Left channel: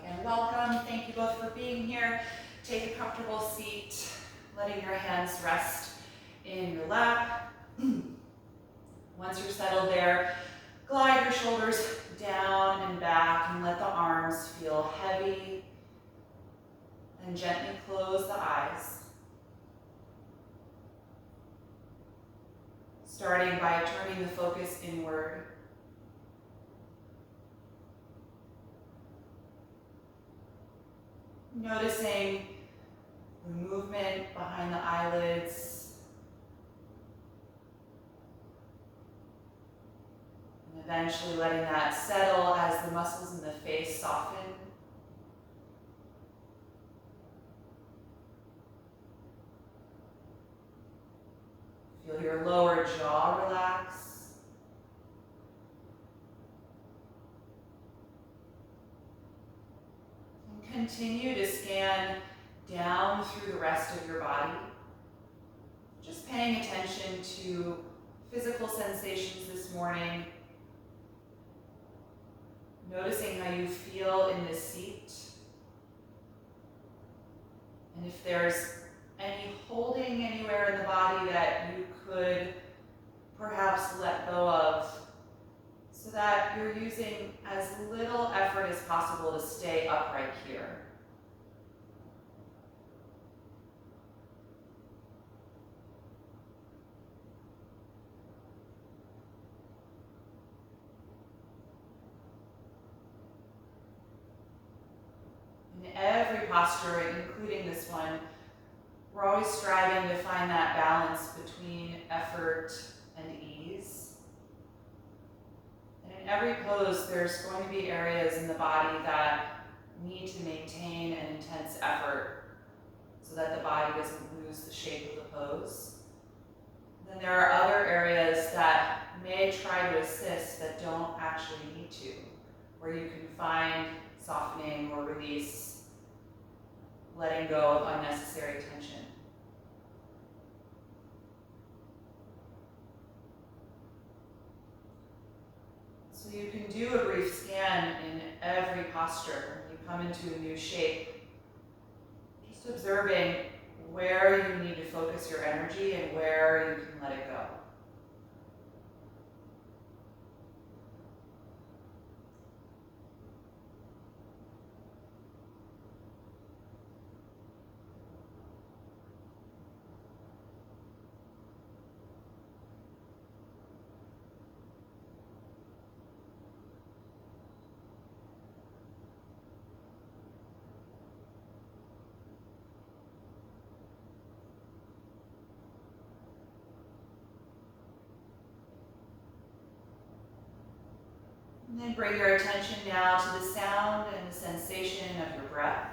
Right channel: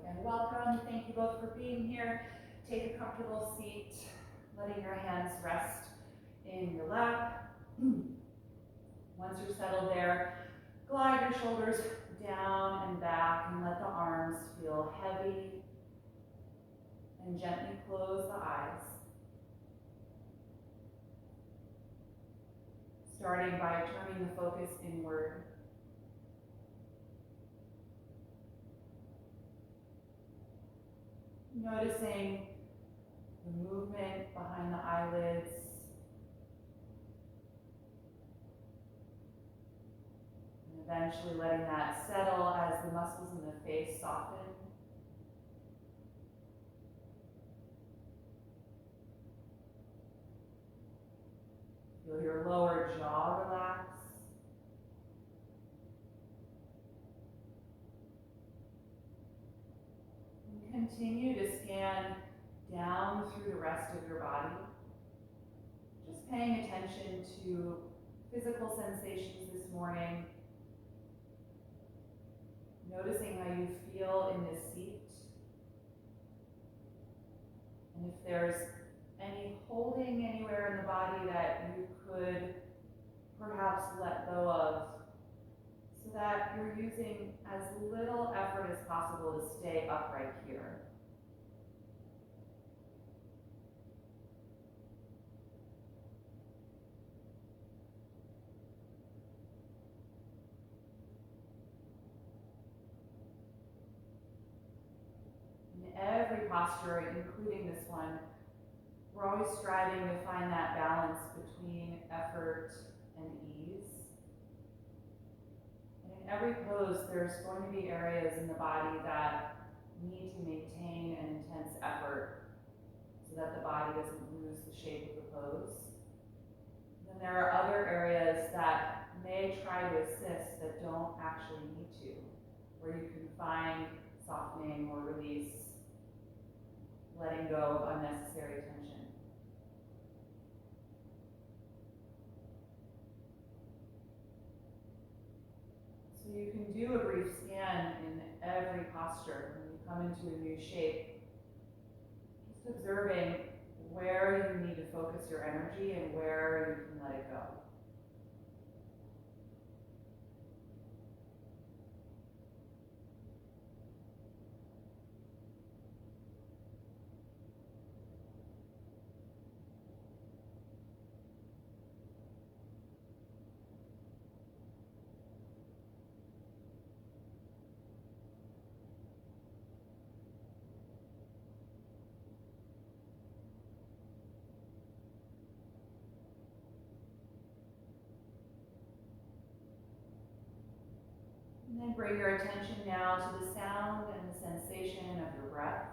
again, welcome. Thank you both for being here. Take a comfortable seat, letting your hands rest in your lap. Once you're settled there, glide your shoulders down and back and let the arms feel heavy, and gently close the eyes. Starting by turning the focus inward. Noticing the movement behind the eyelids. And eventually letting that settle as the muscles in the face soften. Feel your lower jaw relax. And continue to scan down through the rest of your body. Just paying attention to physical sensations this morning. Noticing how you feel in this seat. And if there's any holding anywhere in the body that you could perhaps let go of, so that you're using as little effort as possible to stay upright here. In every posture, including this one, we're always striving to find that balance between effort and ease. And in every pose, there's going to be areas in the body that need to maintain an intense effort so that the body doesn't lose the shape of the pose. Then there are other areas that may try to assist that don't actually need to, where you can find softening or release, letting go of unnecessary tension. So you can do a brief scan in every posture when you come into a new shape, just observing where you need to focus your energy and where you can let it go. And then bring your attention now to the sound and the sensation of your breath.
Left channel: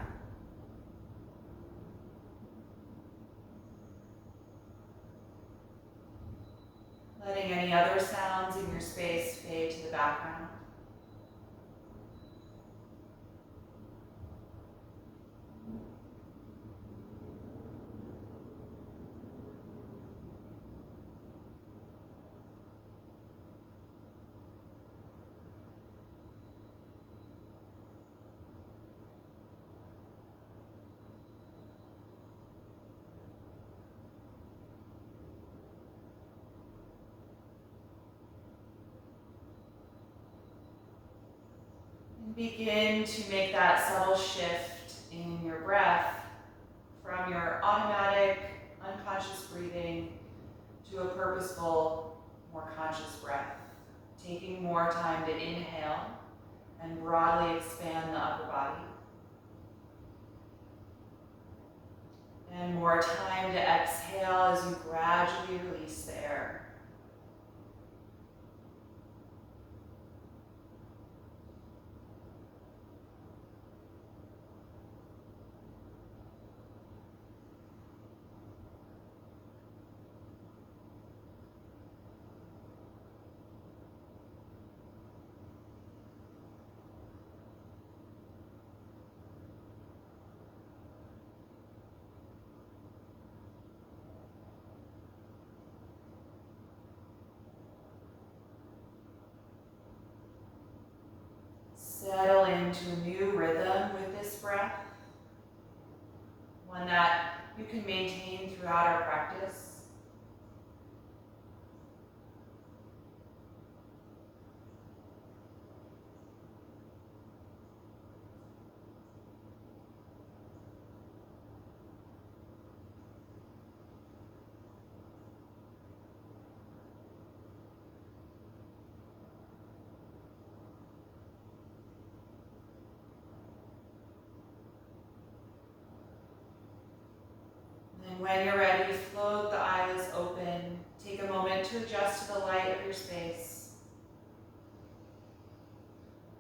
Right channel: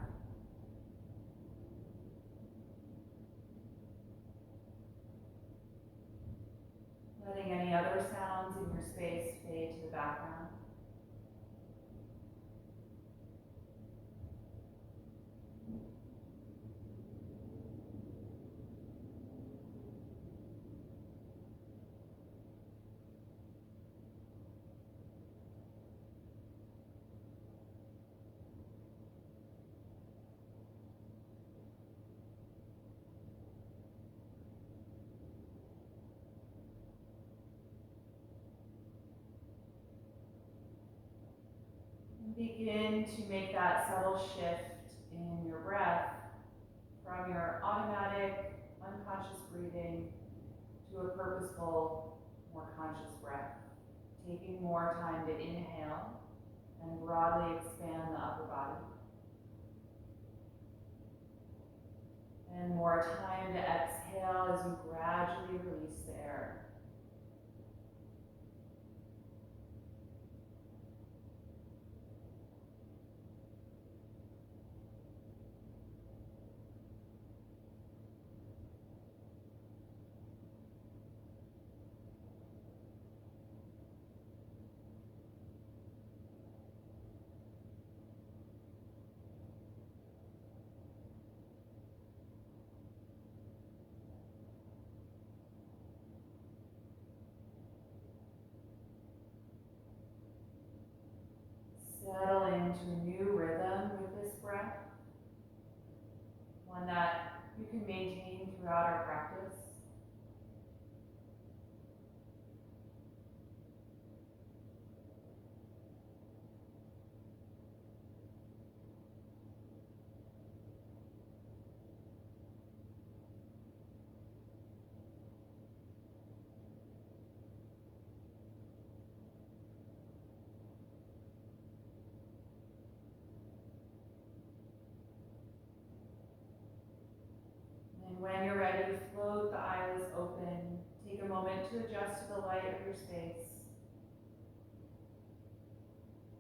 Letting any other sounds in your space fade to the background. Begin to make that subtle shift in your breath from your automatic, unconscious breathing to a purposeful, more conscious breath. Taking more time to inhale and broadly expand the upper body. And more time to exhale as you gradually release the air. can maintain throughout our practice. When you're ready, float the eyelids open. Take a moment to adjust to the light of your space.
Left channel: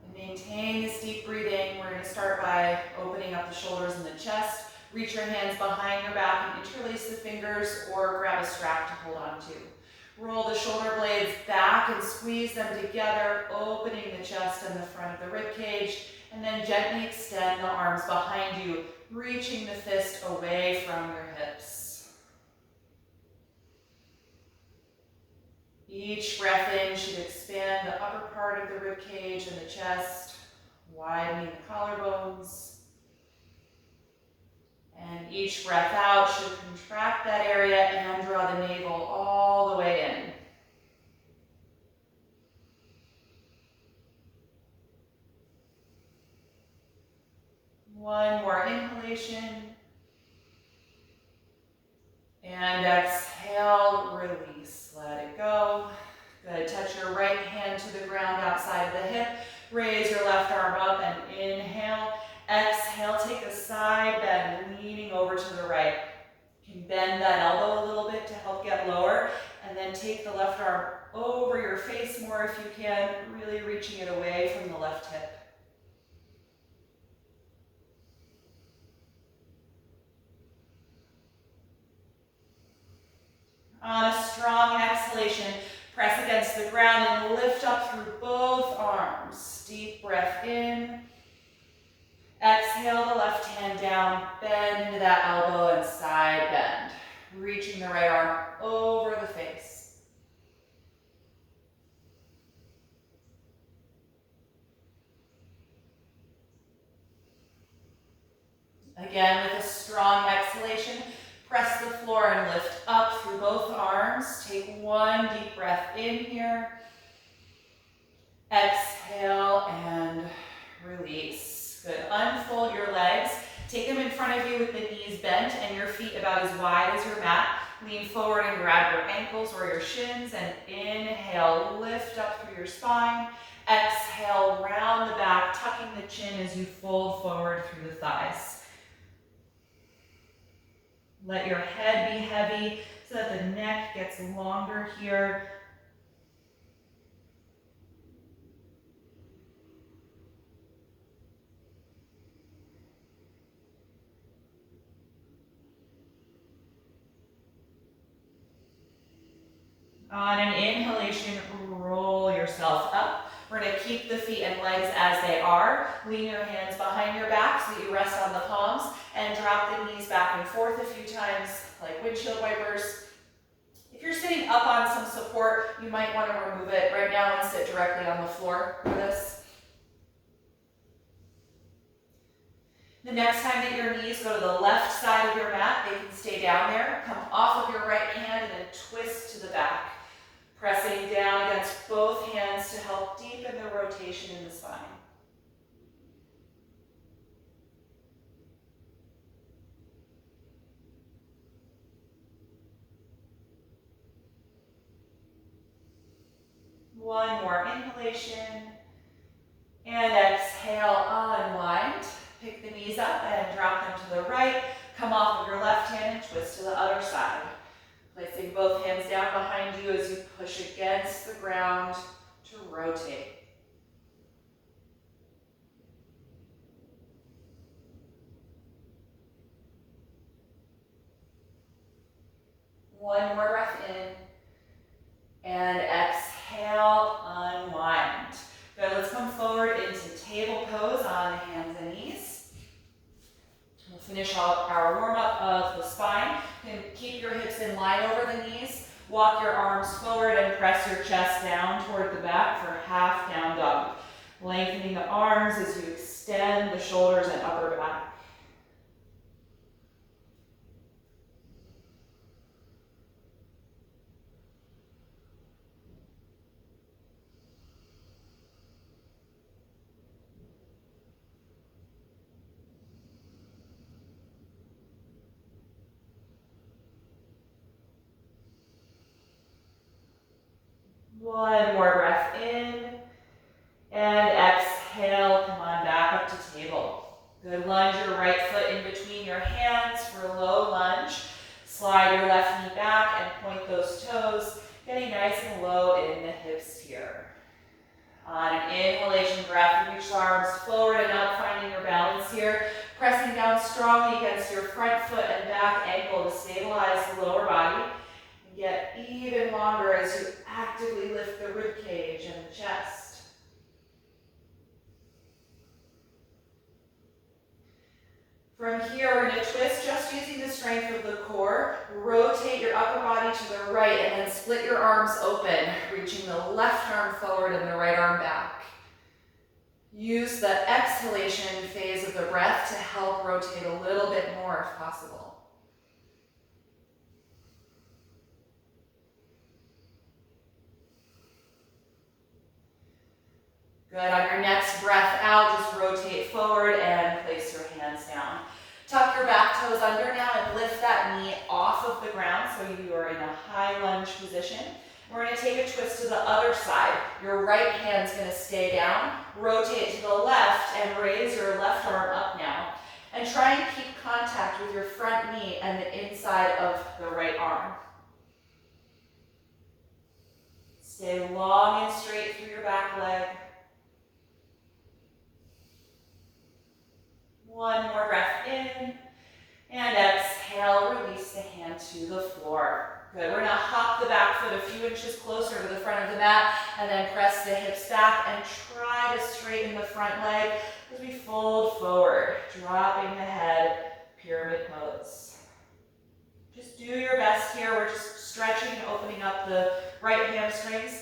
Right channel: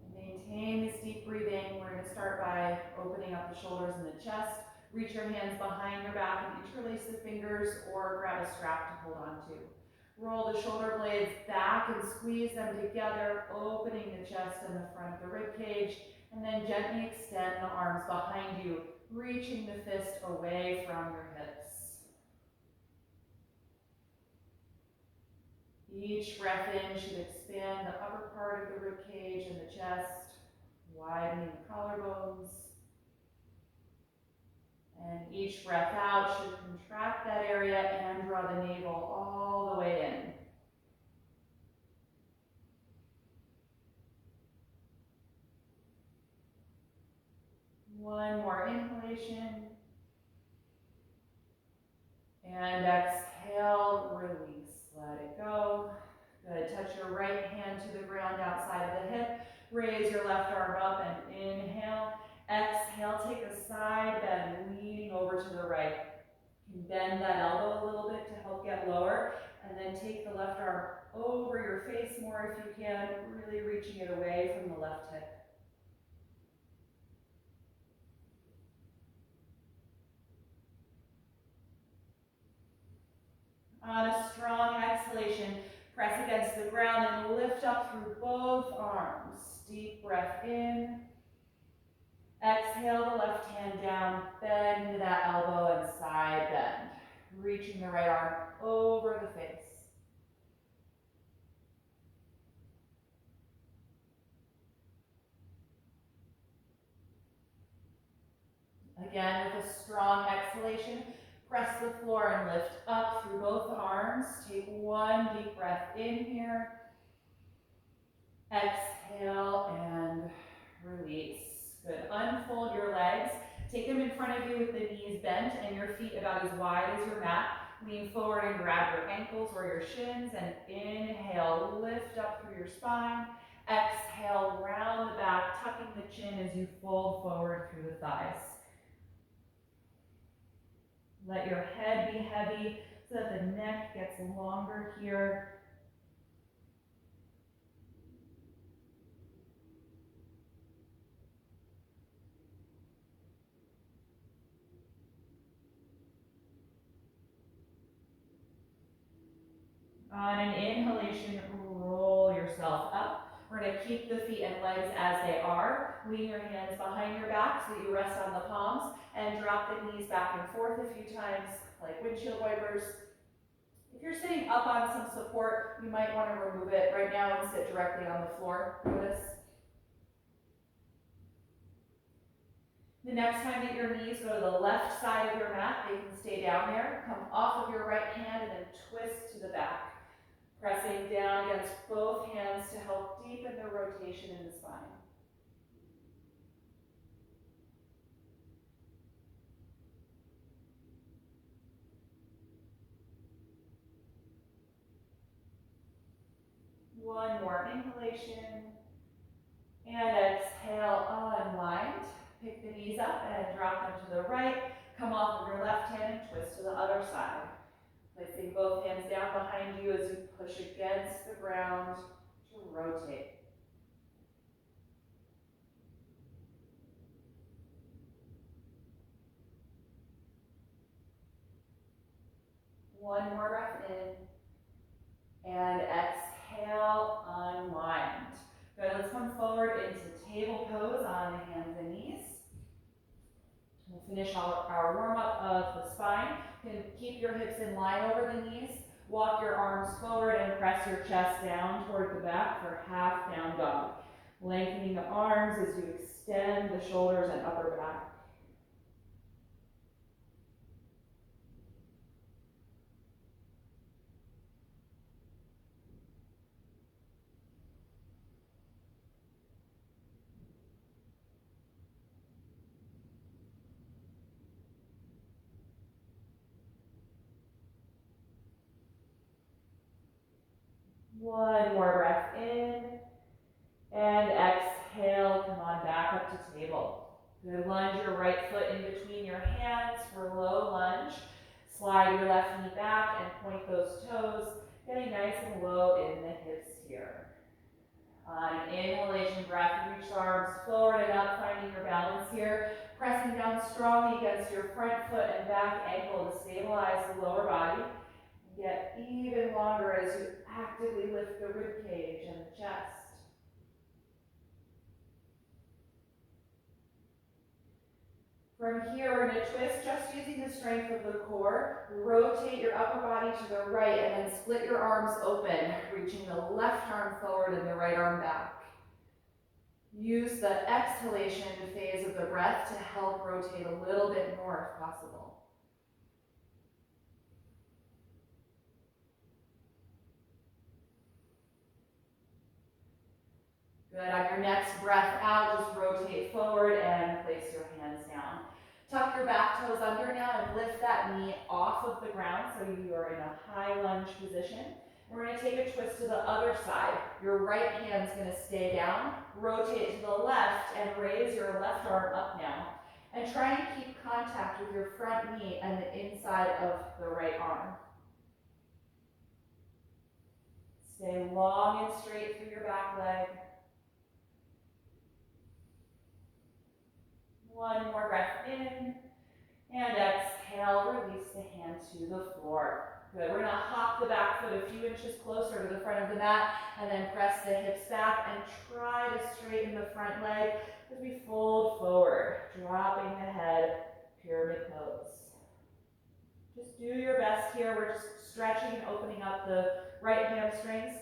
And maintain this deep breathing. We're going to start by opening up the shoulders and the chest. Reach your hands behind your back and interlace the fingers or grab a strap to hold on to. Roll the shoulder blades back and squeeze them together, opening the chest and the front of the rib cage. And then gently extend the arms behind you, reaching the fist away from your hips. Each breath in should expand the upper part of the rib cage and the chest, widening the collarbones. And each breath out should contract that area and draw the navel all the way in. One more inhalation. And exhale, release, let it go. Good, touch your right hand to the ground outside of the hip. Raise your left arm up and inhale. Exhale, take a side bend, leaning over to the right. You can bend that elbow a little bit to help get lower, and then take the left arm over your face more if you can, really reaching it away from the left hip. On a strong exhalation, press against the ground and lift up through both arms. Deep breath in. Exhale the left hand down, bend into that elbow and side bend. Reaching the right arm over the face. Again, with a strong exhalation, press the floor and lift up through both arms. Take one deep breath in here. Exhale and release. Good. Unfold your legs. Take them in front of you with the knees bent and your feet about as wide as your mat. Lean forward and grab your ankles or your shins and inhale, lift up through your spine. Exhale, round the back, tucking the chin as you fold forward through the thighs. Let your head be heavy so that the neck gets longer here. On an inhalation, roll yourself up. We're going to keep the feet and legs as they are. Lean your hands behind your back so that you rest on the palms and drop the knees back and forth a few times like windshield wipers. If you're sitting up on some support, you might want to remove it right now and sit directly on the floor for this. The next time that your knees go to the left side of your mat, they can stay down there. Come off of your right hand and then twist to the back. Pressing down against both hands to help deepen the rotation in the spine. One more inhalation. And exhale, unwind. Pick the knees up and drop them to the right. Come off of your left hand and twist to the other side. Placing both hands down behind you as you push against the ground to rotate. One more breath in. And exhale, unwind. Good, let's come forward into table pose on hands and knees. We'll finish out our warm-up of the spine. You can keep your hips in line over the knees. Walk your arms forward and press your chest down toward the back for half down dog. Lengthening the arms as you extend the shoulders and upper back. One more breath in. And exhale, come on back up to table. Good, lunge your right foot in between your hands for a low lunge. Slide your left knee back and point those toes, getting nice and low in the hips here. On an inhalation breath, reach the arms forward and up, finding your balance here. Pressing down strongly against your front foot and back ankle to stabilize the lower body. And get even longer as you actively lift the rib cage and the chest. From here, we're going to twist just using the strength of the core. Rotate your upper body to the right and then split your arms open, reaching the left arm forward and the right arm back. Use the exhalation phase of the breath to help rotate a little bit more if possible. Good, on your next breath out, just rotate forward and place your hands down. Tuck your back toes under now and lift that knee off of the ground so you are in a high lunge position. We're going to take a twist to the other side. Your right hand's going to stay down. Rotate to the left and raise your left arm up now. And try and keep contact with your front knee and the inside of the right arm. Stay long and straight through your back leg. One more breath in, and exhale, release the hand to the floor. Good, we're gonna hop the back foot a few inches closer to the front of the mat, and then press the hips back, and try to straighten the front leg as we fold forward, dropping the head, pyramid pose. Just do your best here. We're just stretching and opening up the right hamstrings.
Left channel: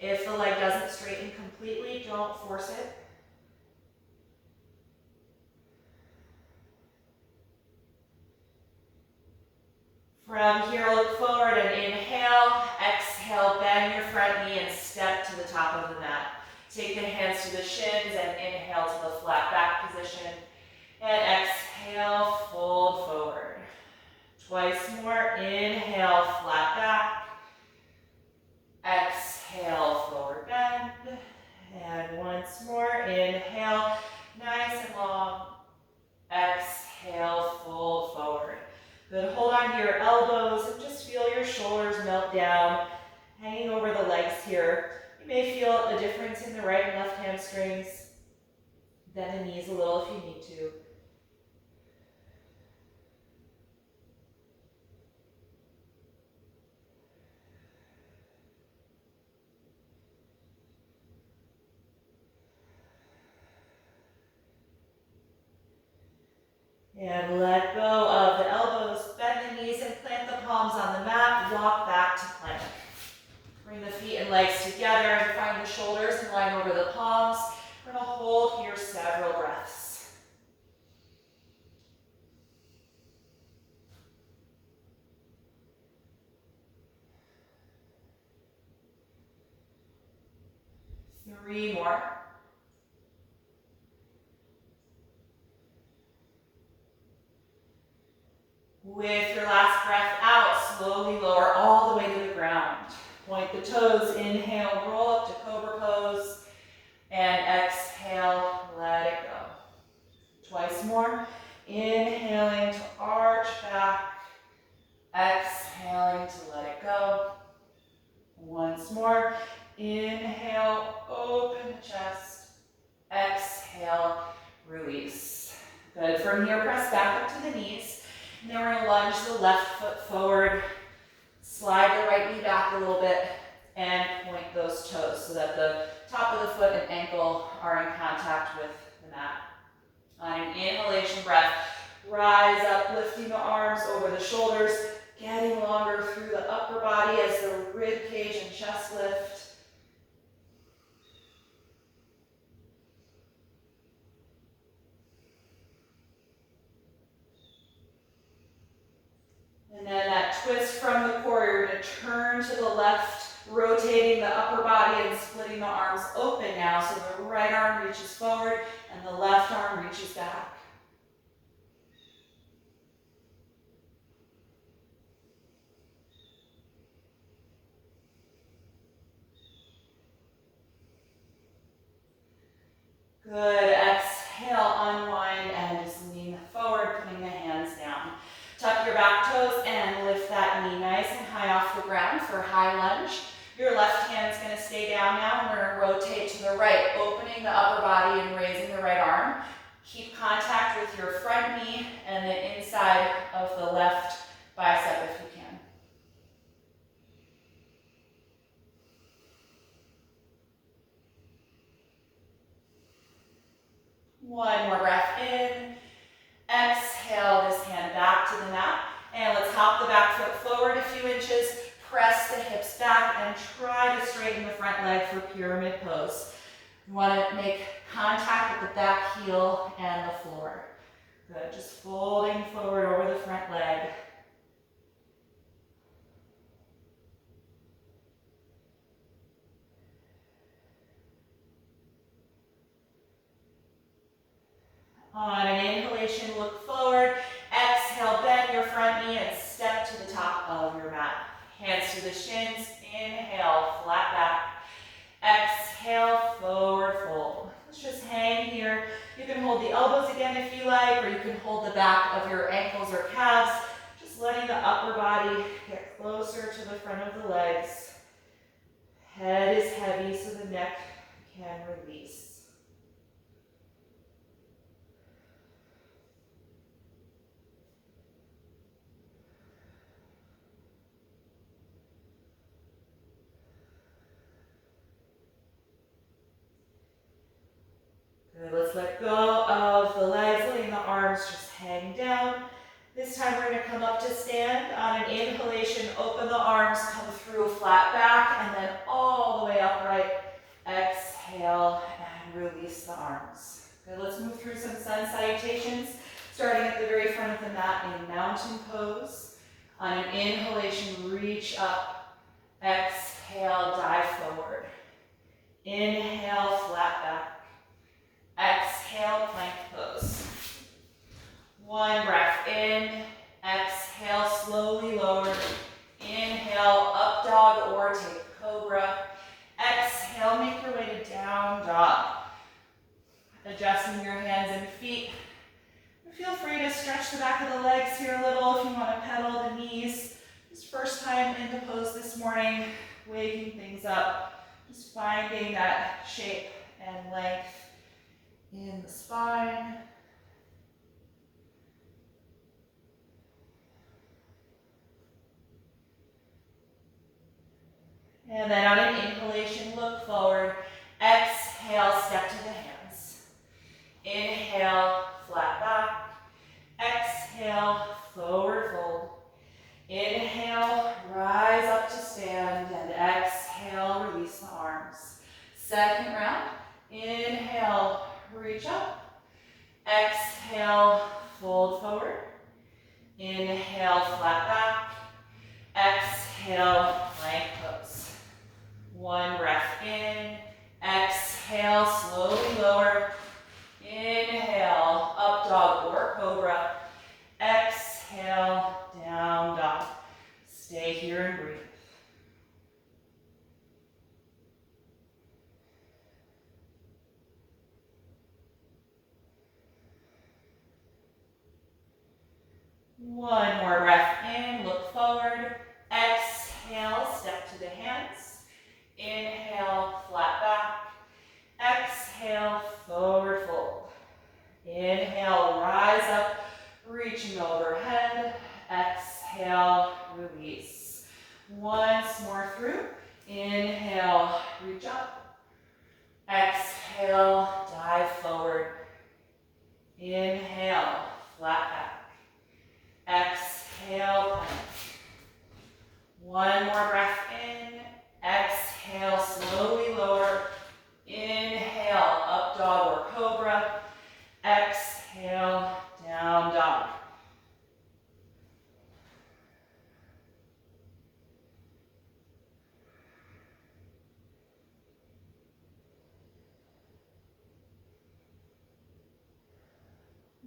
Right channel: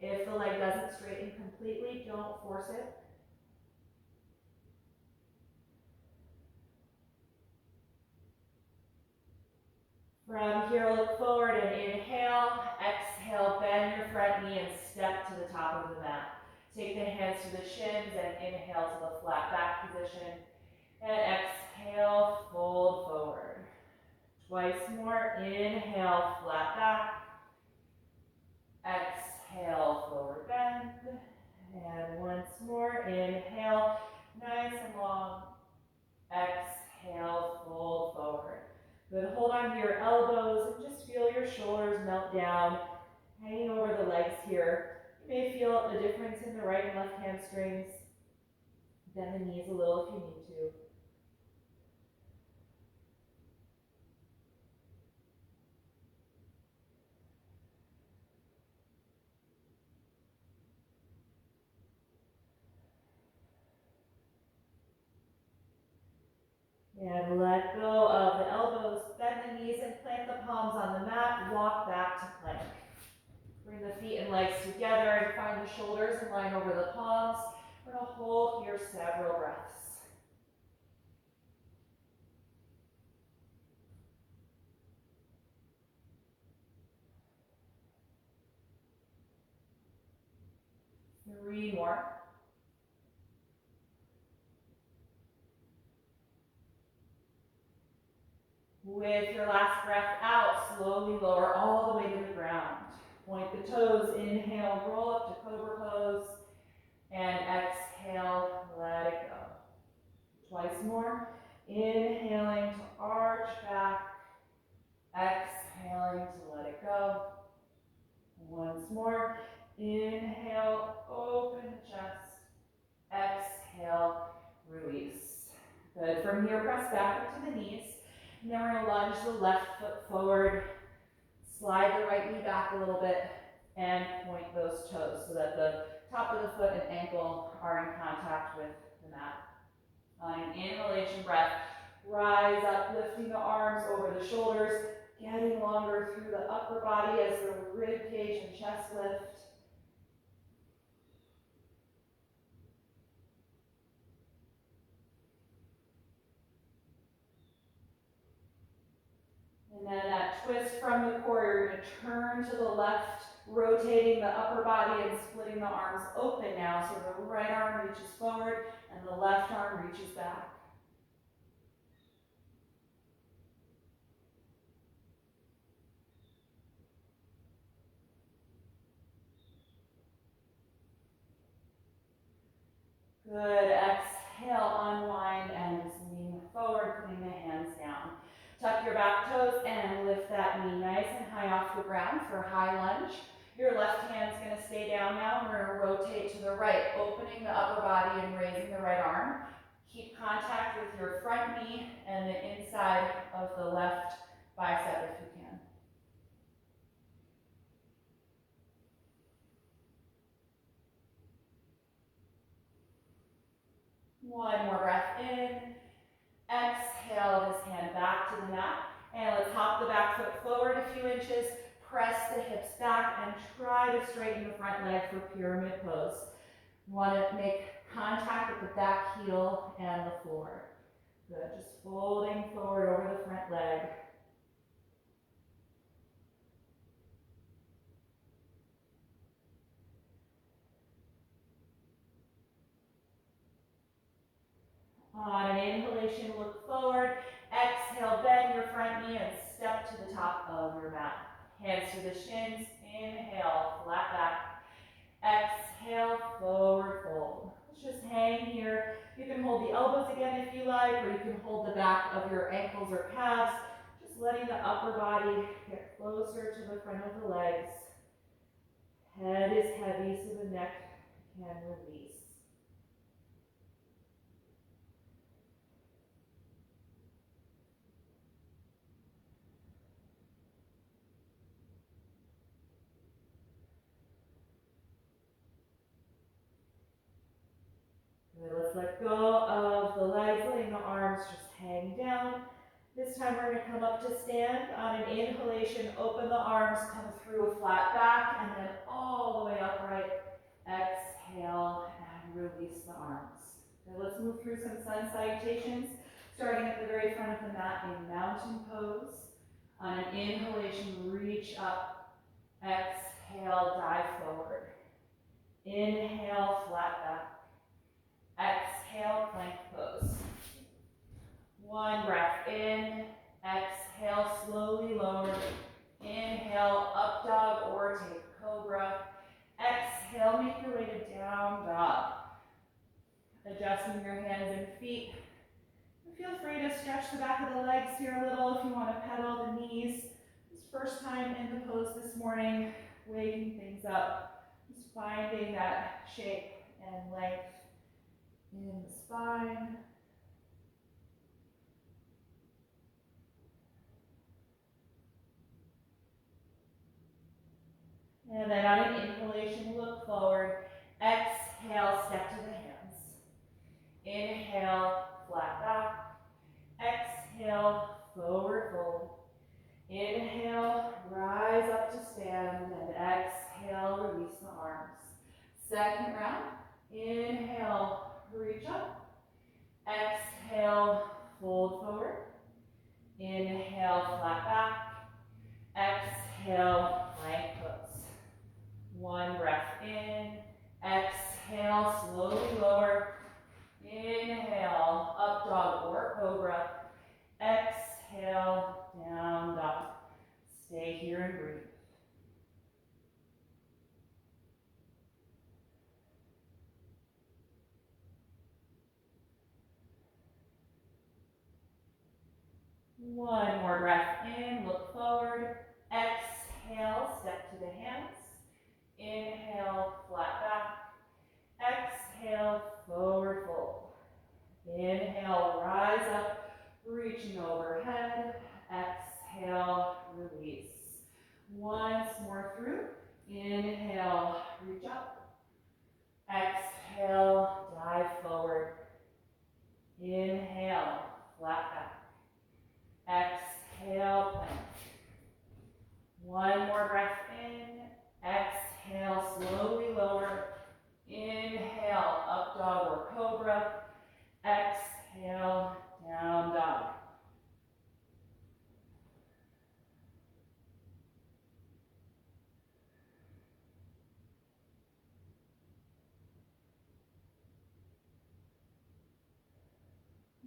If the leg doesn't straighten completely, don't force it. From here, look forward and inhale. Exhale, bend your front knee and step to the top of the mat. Take the hands to the shins and inhale to the flat back position. And exhale, fold forward. Twice more. Inhale, flat back. Exhale, forward bend. And once more. Inhale, nice and long. Exhale, fold forward. Good, hold on to your elbows and just feel your shoulders melt down, hanging over the legs here. You may feel a difference in the right and left hamstrings. Bend the knees a little if you need to. And let go of the elbows, bend the knees and plant the palms on the mat, walk back to plank. Bring the feet and legs together and find the shoulders in line over the palms. We're going to hold here several breaths. Three more. With your last breath out, slowly lower all the way to the ground. Point the toes, inhale, roll up to Cobra Pose, and exhale, let it go. Twice more, inhaling to arch back, exhaling to let it go. Once more, inhale, open the chest, exhale, release. Good, from here, press back up to the knees. And then we're going to lunge the left foot forward, slide the right knee back a little bit, and point those toes so that the top of the foot and ankle are in contact with the mat. On an inhalation breath, rise up, lifting the arms over the shoulders, getting longer through the upper body as the rib cage and chest lift. And then that twist from the core, you're going to turn to the left, rotating the upper body and splitting the arms open now so the right arm reaches forward and the left arm reaches back. Good. Exhale, unwind and just lean forward, putting the hands down. Tuck your back toes and lift that knee nice and high off the ground for a high lunge. Your left hand's going to stay down now, and we're going to rotate to the right, opening the upper body and raising the right arm. Keep contact with your front knee and the inside of the left bicep if you can. One more breath in. Exhale this hand back to the mat. And let's hop the back foot forward a few inches. Press the hips back and try to straighten the front leg for pyramid pose. You want to make contact with the back heel and the floor. Good, just folding forward over the front leg. On an inhalation, look forward. Exhale, bend your front knee and step to the top of your mat. Hands to the shins. Inhale, flat back. Exhale, forward fold. Let's just hang here. You can hold the elbows again if you like, or you can hold the back of your ankles or calves. Just letting the upper body get closer to the front of the legs. Head is heavy so the neck can release. Good, let's let go of the legs, letting the arms just hang down. This time we're going to come up to stand. On an inhalation, open the arms, come through flat back, and then all the way upright. Exhale and release the arms. Good, let's move through some sun salutations, starting at the very front of the mat in mountain pose. On an inhalation, reach up. Exhale, dive forward. Inhale, flat back. Exhale, plank pose. One breath in. Exhale, slowly lower. Inhale, up dog or take cobra. Exhale, make your way to down dog. Adjusting your hands and feet. Feel free to stretch the back of the legs here a little if you want to pedal the knees. Just first time in the pose this morning, waking things up. Just finding that shape and length in the spine. And then on an inhalation, look forward. Exhale, step to the hands. Inhale, flat back. Exhale, forward fold. Inhale, rise up to stand, and exhale, release the arms. Second round. Inhale, reach up. Exhale, fold forward. Inhale, flat back. Exhale, plank pose. One breath in. Exhale, slowly lower. Inhale, up dog or cobra. Exhale, down dog. Stay here and breathe. One more breath in, look forward. Exhale, step to the hands. Inhale, flat back. Exhale, forward fold. Inhale, rise up, reaching overhead. Exhale, release. Once more through. Inhale, reach up. Exhale, dive forward. Inhale, flat back. Exhale, plank. One more breath in. Exhale, slowly lower. Inhale, up dog or cobra. Exhale, down dog.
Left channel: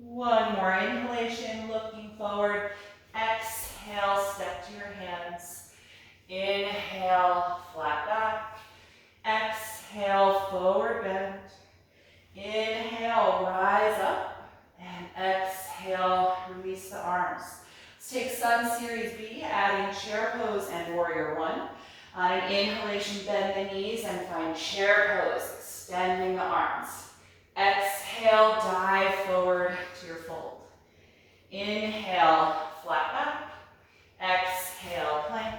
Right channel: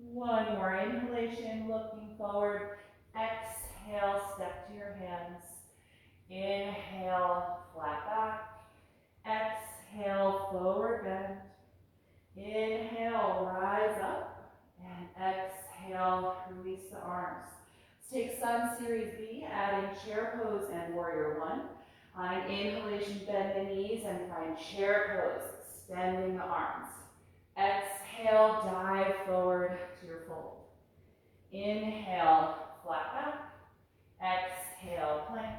One more inhalation, looking forward. Exhale, step to your hands. Inhale, flat back. Exhale, forward bend. Inhale. Take Sun Series B, adding chair pose and warrior one. On an inhalation, bend the knees and find chair pose, extending the arms. Exhale, dive forward to your fold. Inhale, flat back. Exhale, plank.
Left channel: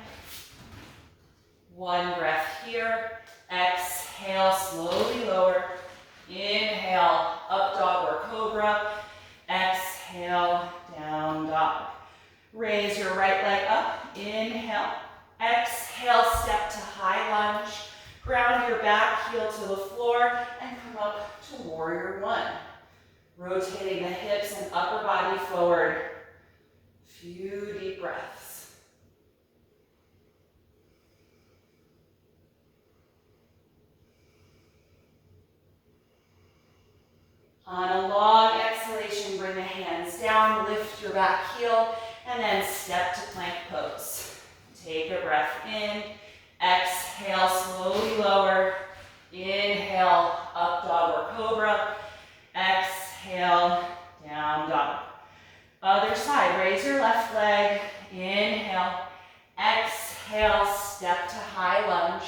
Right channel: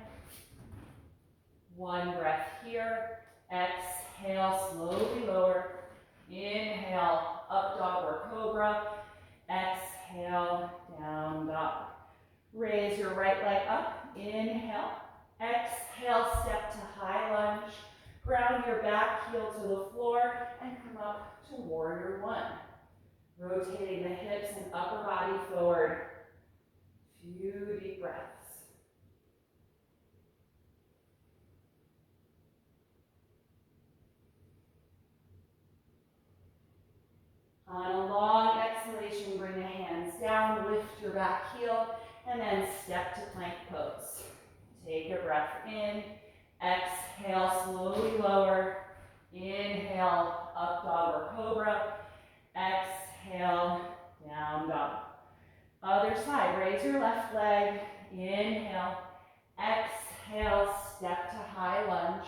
One breath here. Exhale, slowly lower. Inhale, up dog or cobra. Exhale, down dog. Raise your right leg up. Inhale. Exhale, step to high lunge. Ground your back heel to the floor and come up to warrior one. Rotating the hips and upper body forward. Few deep breaths. On a long exhalation, bring the hands down, lift your back heel, and then step to plank pose. Take a breath in, exhale, slowly lower. Inhale, up dog or cobra. Exhale, down dog. Other side, raise your left leg. Inhale, exhale, step to high lunge.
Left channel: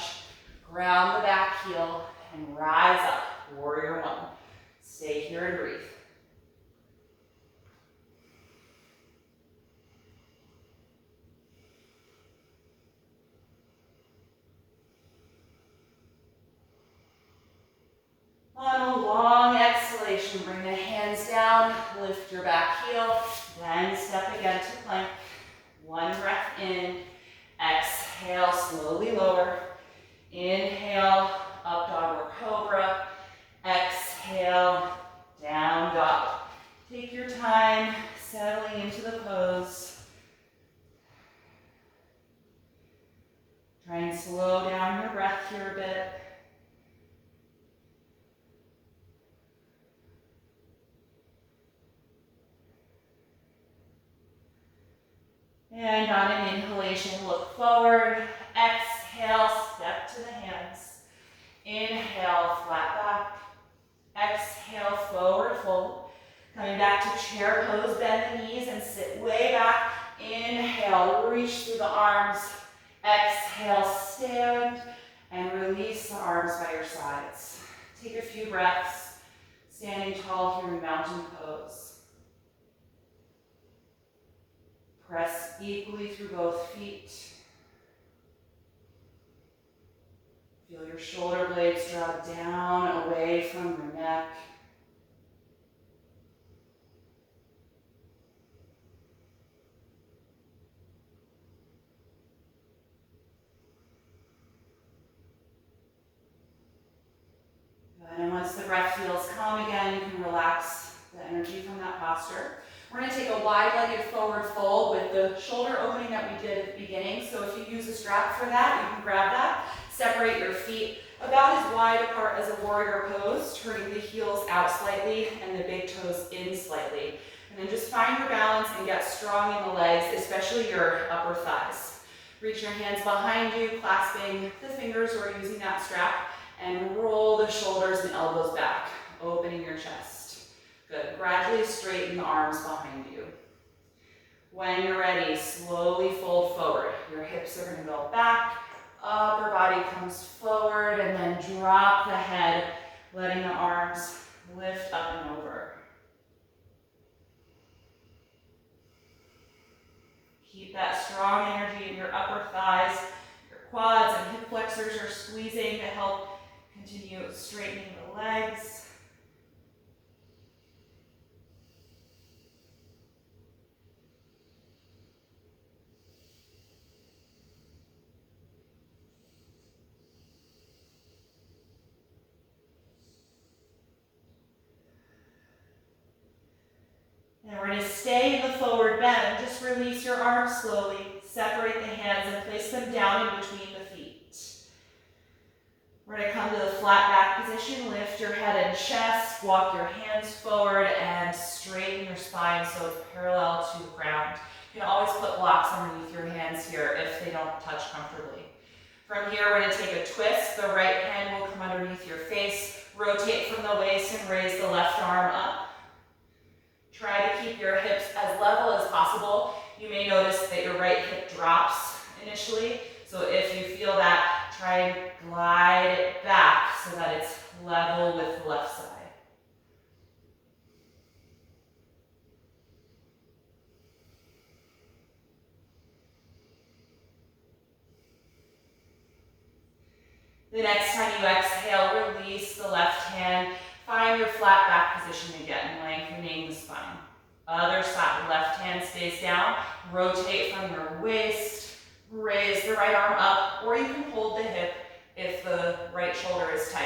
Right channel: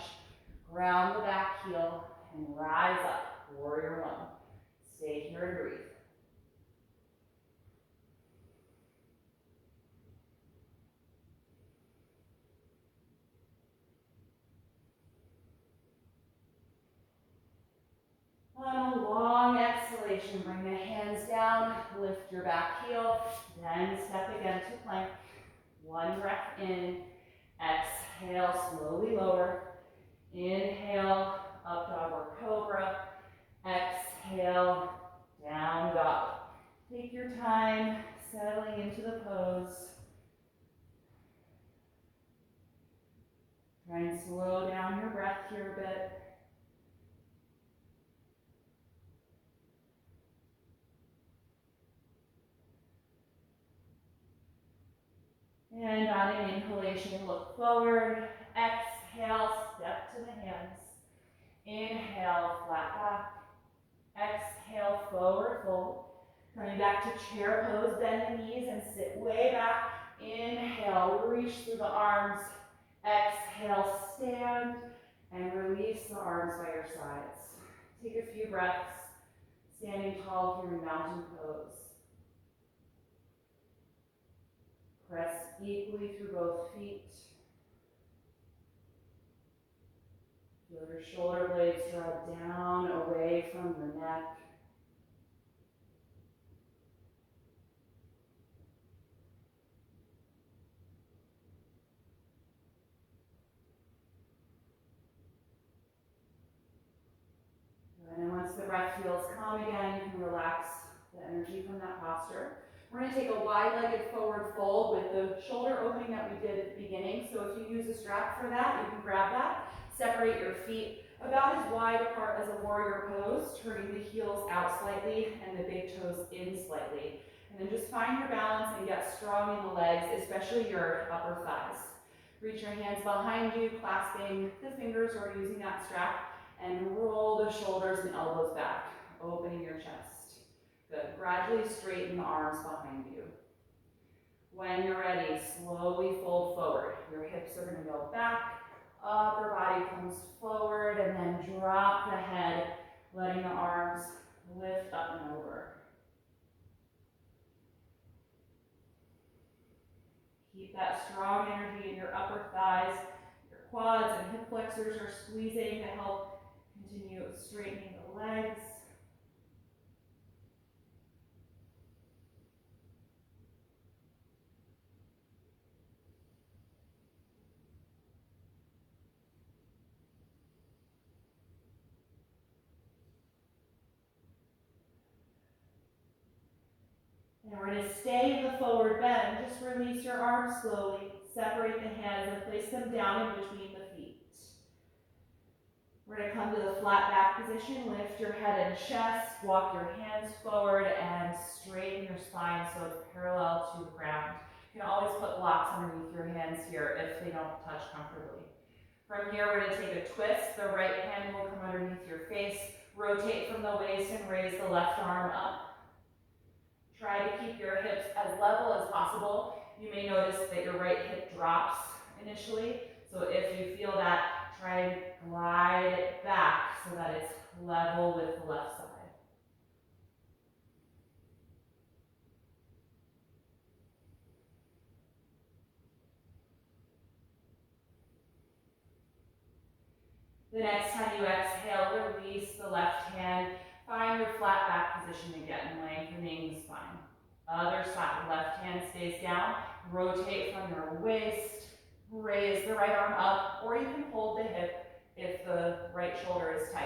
Ground the back heel and rise up, warrior one. Stay here and breathe. On a long exhalation, bring the hands down, lift your back heel, then step again to plank. One breath in, exhale, slowly lower. Inhale, up dog or cobra. Exhale, down dog. Take your time settling into the pose. Try and slow down your breath here a bit. And on an inhalation, look forward. Exhale, step to the hands. Inhale, flat back. Exhale, forward fold. Coming back to chair pose, bend the knees and sit way back. Inhale, reach through the arms. Exhale, stand and release the arms by your sides. Take a few breaths, standing tall here in mountain pose. Press equally through both feet. Feel your shoulder blades draw down away from your neck. And once the breath feels calm again, you can relax the energy from that posture. We're going to take a wide-legged forward fold with the shoulder opening that we did at the beginning. So if you use a strap for that, you can grab that. Separate your feet about as wide apart as a warrior pose, turning the heels out slightly and the big toes in slightly. And then just find your balance and get strong in the legs, especially your upper thighs. Reach your hands behind you, clasping the fingers or using that strap, and roll the shoulders and elbows back, opening your chest. Good. Gradually straighten the arms behind you. When you're ready, slowly fold forward. Your hips are going to go back, upper body comes forward, and then drop the head, letting the arms lift up and over. Keep that strong energy in your upper thighs. Your quads and hip flexors are squeezing to help continue straightening the legs. And we're going to stay in the forward bend. Just release your arms slowly. Separate the hands and place them down in between the feet. We're going to come to the flat back position. Lift your head and chest. Walk your hands forward and straighten your spine so it's parallel to the ground. You can always put blocks underneath your hands here if they don't touch comfortably. From here, we're going to take a twist. The right hand will come underneath your face. Rotate from the waist and raise the left arm up. Try to keep your hips as level as possible. You may notice that your right hip drops initially. So if you feel that, try and glide it back so that it's level with the left side. The next time you exhale, release the left hand. Find your flat back position again, lengthening the spine. Other side, left hand stays down. Rotate from your waist. Raise the right arm up, or you can hold the hip if the right shoulder is tight.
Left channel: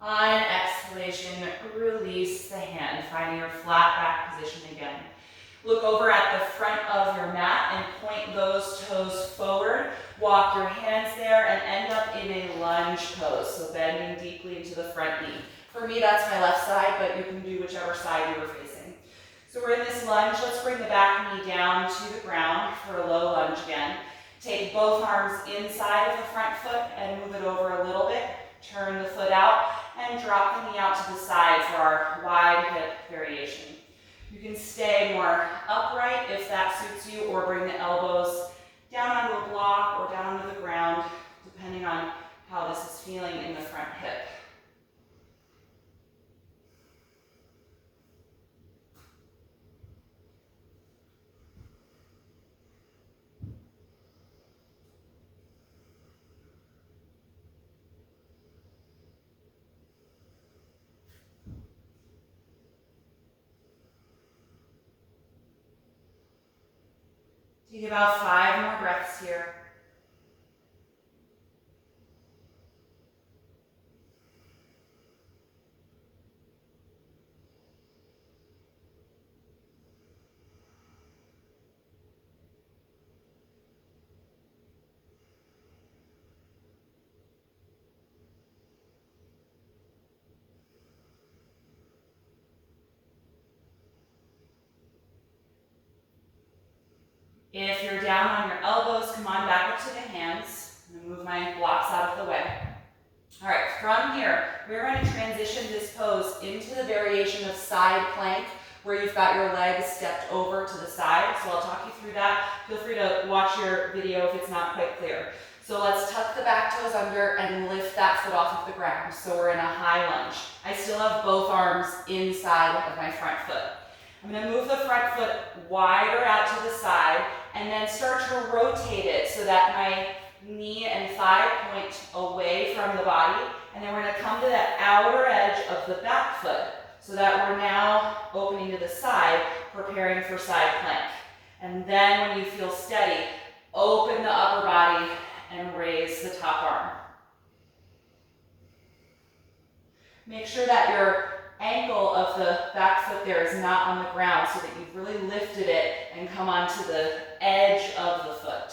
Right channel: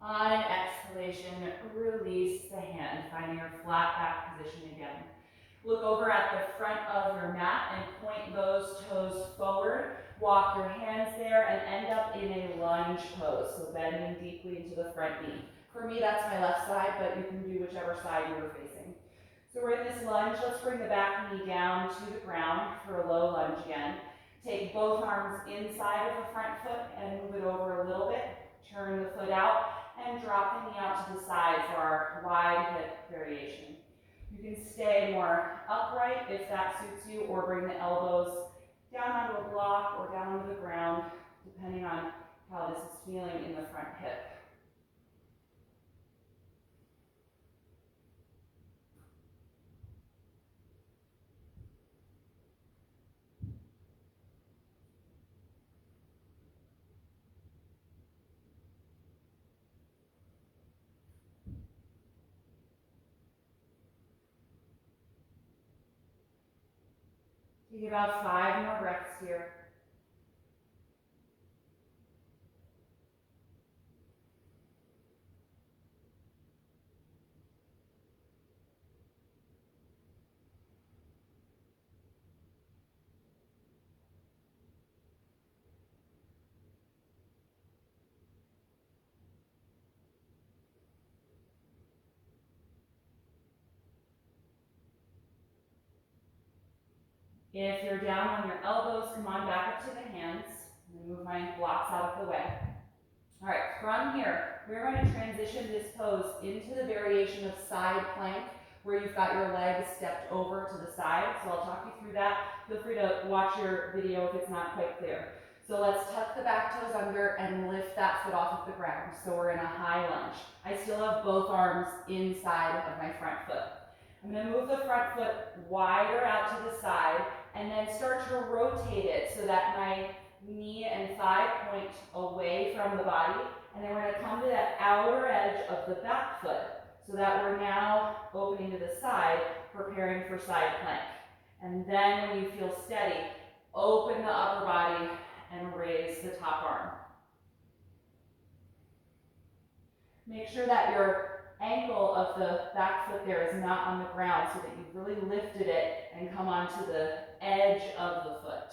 On an exhalation, release the hand, finding your flat back position again. Look over at the front of your mat and point those toes forward. Walk your hands there and end up in a lunge pose, so bending deeply into the front knee. For me, that's my left side, but you can do whichever side you were facing. So we're in this lunge. Let's bring the back knee down to the ground for a low lunge again. Take both arms inside of the front foot and move it over a little bit. Turn the foot out and drop the knee out to the side for our wide hip variation. You can stay more upright if that suits you, or bring the elbows down onto a block or down onto the ground, depending on how this is feeling in the front hip. Take about 5 more breaths here. If you're down on your elbows, come on back up to the hands. I'm going to move my blocks out of the way. All right, from here, we're going to transition this pose into the variation of side plank, where you've got your legs stepped over to the side. So I'll talk you through that. Feel free to watch your video if it's not quite clear. So let's tuck the back toes under and lift that foot off of the ground. So we're in a high lunge. I still have both arms inside of my front foot. I'm going to move the front foot wider out to the side and then start to rotate it so that my knee and thigh point away from the body. And then we're going to come to that outer edge of the back foot so that we're now opening to the side, preparing for side plank. And then when you feel steady, open the upper body and raise the top arm. Make sure that your ankle of the back foot there is not on the ground, so that you've really lifted it and come onto the edge of the foot.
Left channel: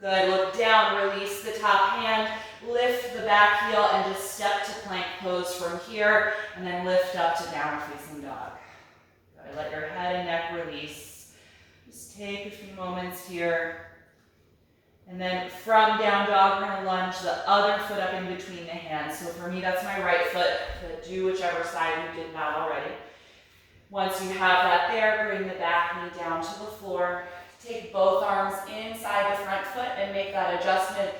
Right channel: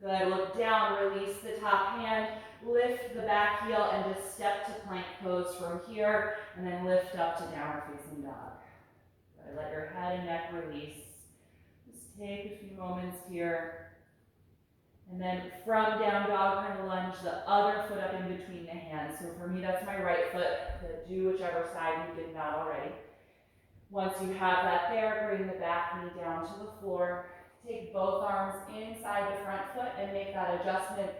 Good, look down, release the top hand, lift the back heel and just step to plank pose from here, and then lift up to downward facing dog. Good, let your head and neck release. Just take a few moments here. And then from down dog, we're going to lunge the other foot up in between the hands. So for me, that's my right foot, but do whichever side you did not already. Once you have that there, bring the back knee down to the floor. Take both arms inside the front foot and make that adjustment,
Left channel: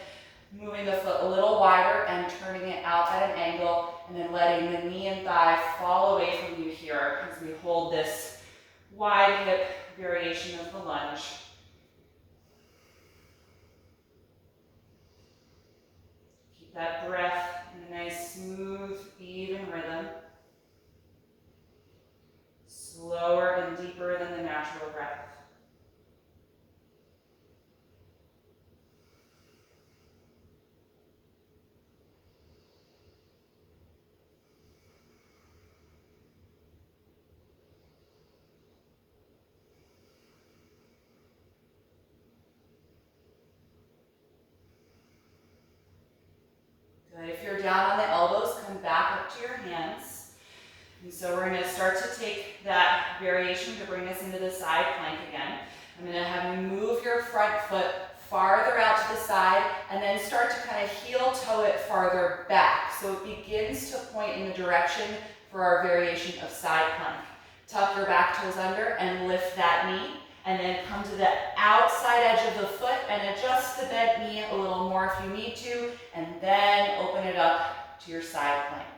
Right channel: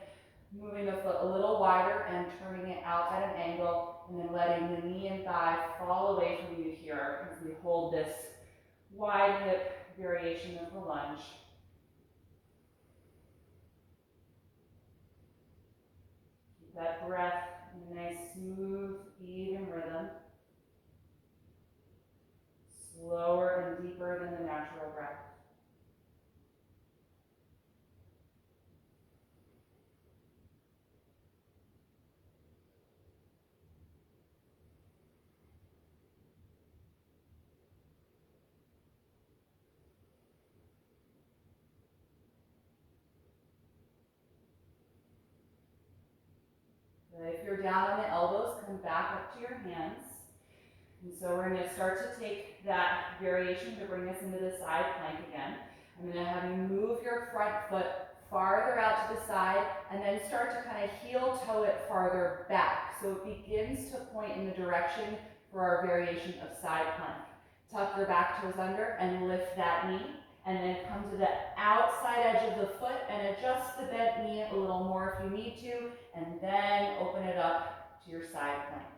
moving the foot a little wider and turning it out at an angle, and then letting the knee and thigh fall away from you here as we hold this wide hip variation of the lunge. Keep that breath in a nice, smooth, even rhythm. Slower and deeper than the natural breath. Good. If you're down on the elbows, come back up to your hands. And so we're going to start to take that variation to bring us into the side plank again. I'm going to have you move your front foot farther out to the side and then start to kind of heel toe it farther back. So it begins to point in the direction for our variation of side plank. Tuck your back toes under and lift that knee, and then come to the outside edge of the foot and adjust the bent knee a little more if you need to, and then open it up to your side plank.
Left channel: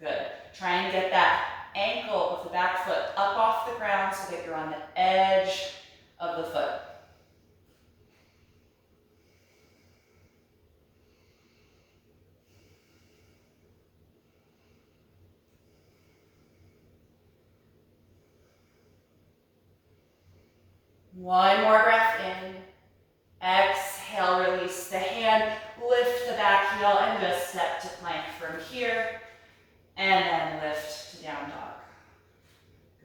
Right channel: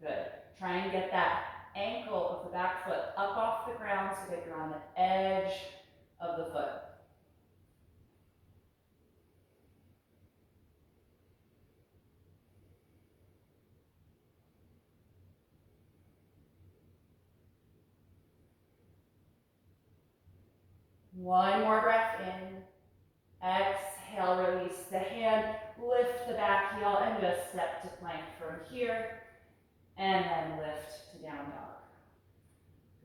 Good. Try and get that ankle of the back foot up off the ground so that you're on the edge of the foot. One more breath in. Exhale, release the hand, lift the back heel, and just step to plank from here. And then lift to down dog.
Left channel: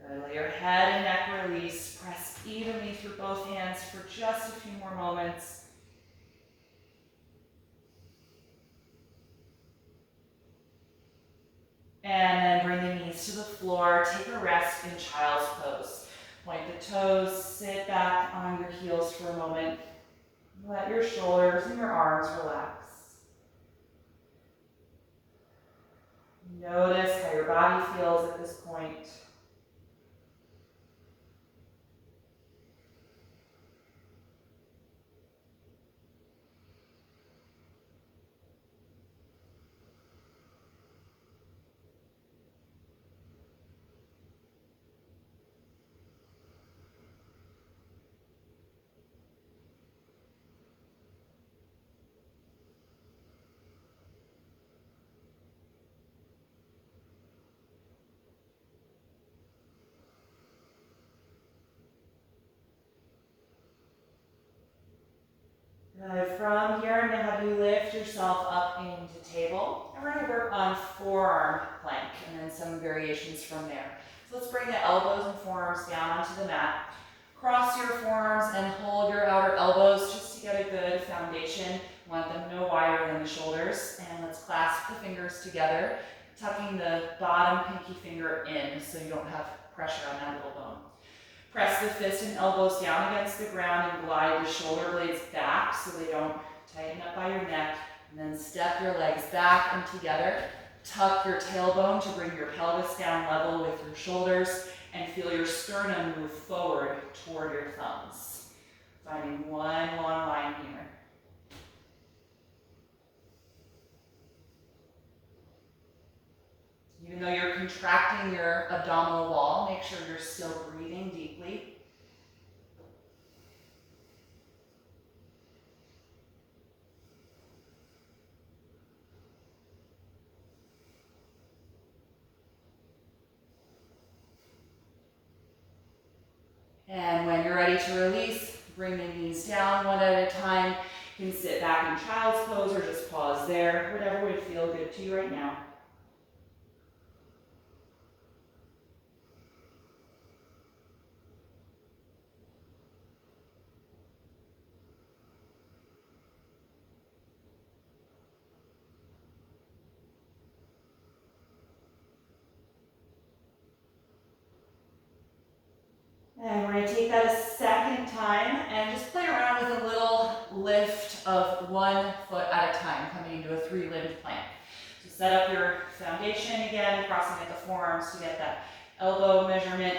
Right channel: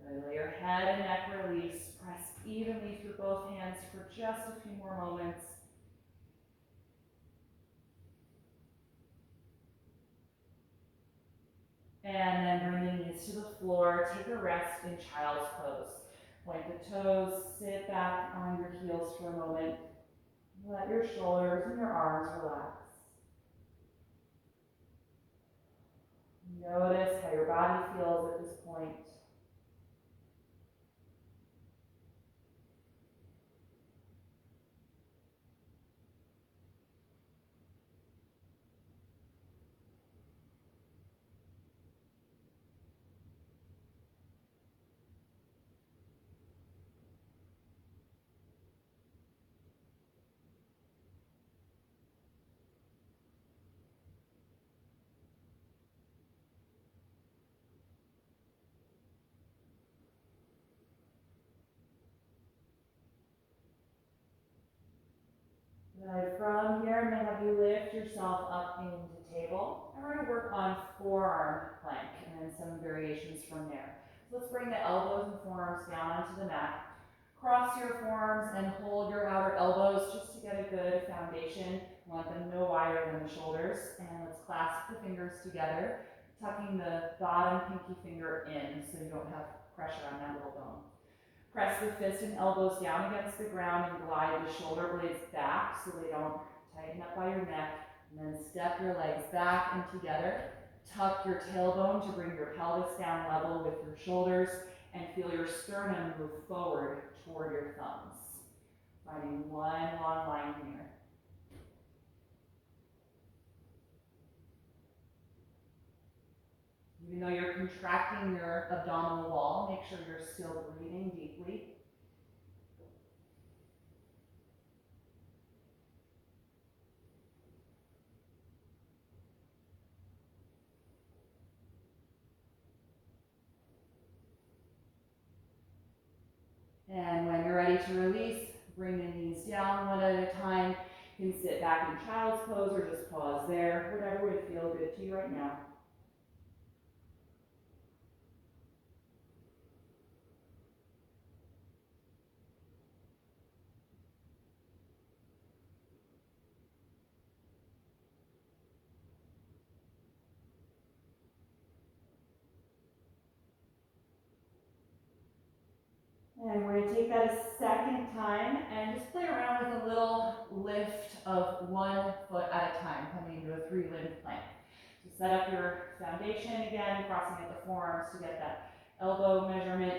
Good. Let your head and neck release. Press evenly through both hands for just a few more moments. And then bring the knees to the floor. Take a rest in child's pose. Point the toes, sit back on your heels for a moment. Let your shoulders and your arms relax. Notice how your body feels at this point. Good. From here, I'm going to have you lift yourself up into table. And we're going to work on forearm plank and then some variations from there. So let's bring the elbows and forearms down onto the mat. Cross your forearms and hold your outer elbows just to get a good foundation. Want them no wider than the shoulders. And let's clasp the fingers together, tucking the bottom pinky finger in so you don't have pressure on that little bone. Press the fists and elbows down against the ground and glide the shoulder blades back so they don't tighten up by your neck. And then step your legs back and together. Tuck your tailbone to bring your pelvis down level with your shoulders and feel your sternum move forward toward your thumbs. Finding one long line here. Even though you're contracting your abdominal wall, make sure you're still breathing deeply. And when you're ready to release, bring the knees down one at a time. You can sit back in child's pose or just pause there, whatever would feel good to you right now. And we're going to take that a second time and just play around with a little lift of one foot at a time, coming into a three-limbed plank. So set up your foundation again, crossing at the forearms to get that elbow measurement.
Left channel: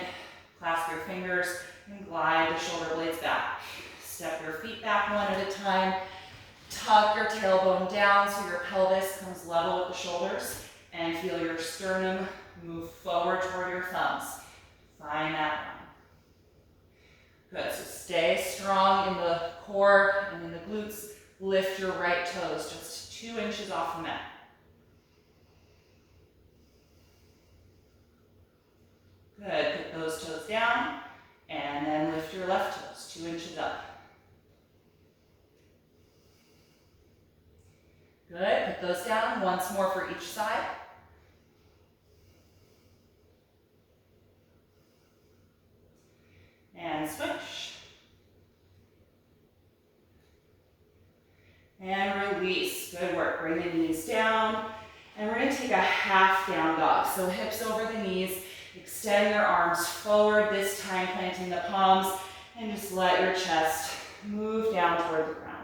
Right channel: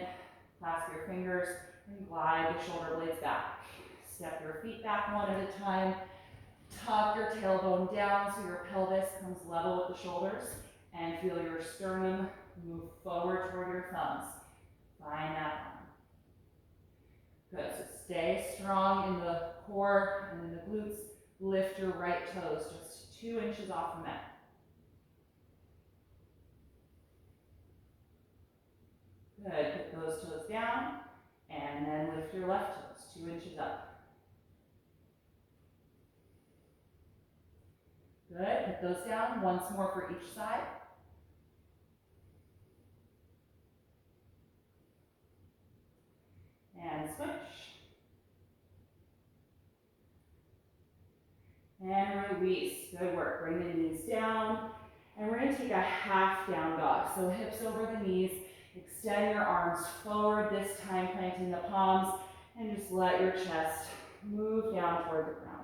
Clasp your fingers and glide the shoulder blades back. Step your feet back one at a time. Tuck your tailbone down so your pelvis comes level with the shoulders, and feel your sternum move forward toward your thumbs. Find that one. Good, so stay strong in the core and in the glutes. Lift your right toes just 2 inches off the mat. Good, put those toes down and then lift your left toes 2 inches up. Good, put those down once more for each side. And switch. And release. Good work. Bring the knees down. And we're going to take a half down dog. So hips over the knees. Extend your arms forward, this time planting the palms. And just let your chest move down toward the ground.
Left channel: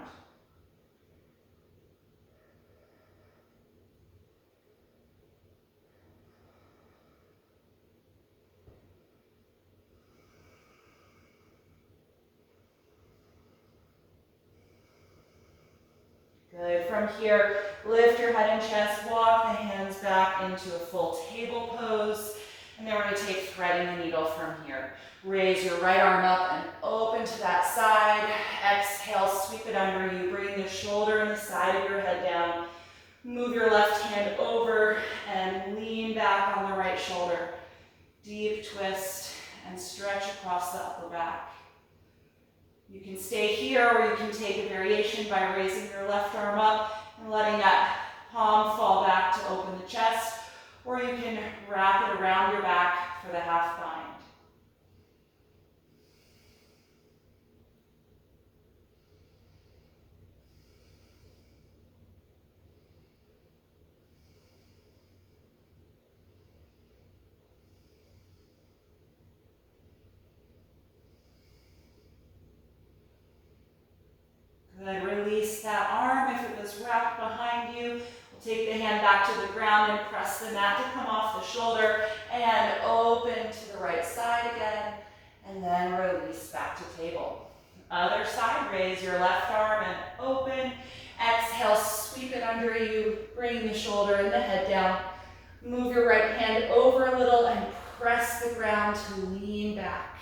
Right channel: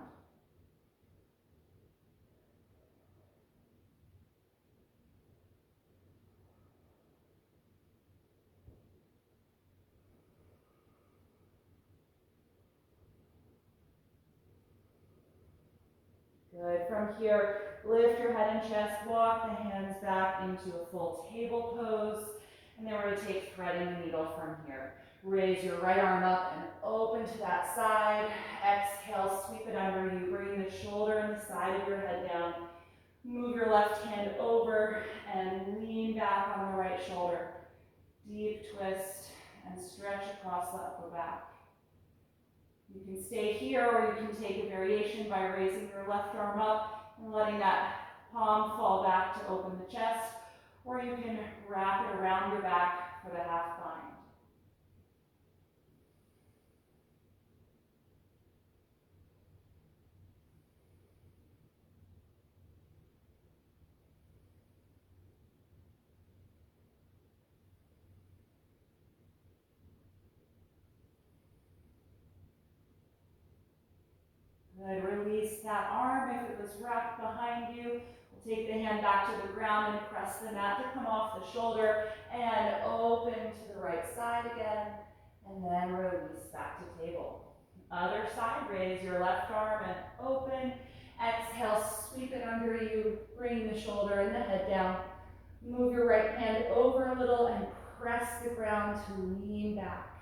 Good. From here, lift your head and chest, walk the hands back into a full table pose. And then we're going to take threading the needle from here. Raise your right arm up and open to that side. Exhale, sweep it under you. Bring the shoulder and the side of your head down. Move your left hand over and lean back on the right shoulder. Deep twist and stretch across the upper back. You can stay here, or you can take a variation by raising your left arm up and letting that palm fall back to open the chest, or you can wrap it around your back for the half bind. Good. Release that arm if it was wrapped behind you. We'll take the hand back to the ground and press the mat to come off the shoulder and open to the right side again, and then release back to table. Other side, raise your left arm and open. Exhale, sweep it under you. Bring the shoulder and the head down. Move your right hand over a little and press the ground to lean back.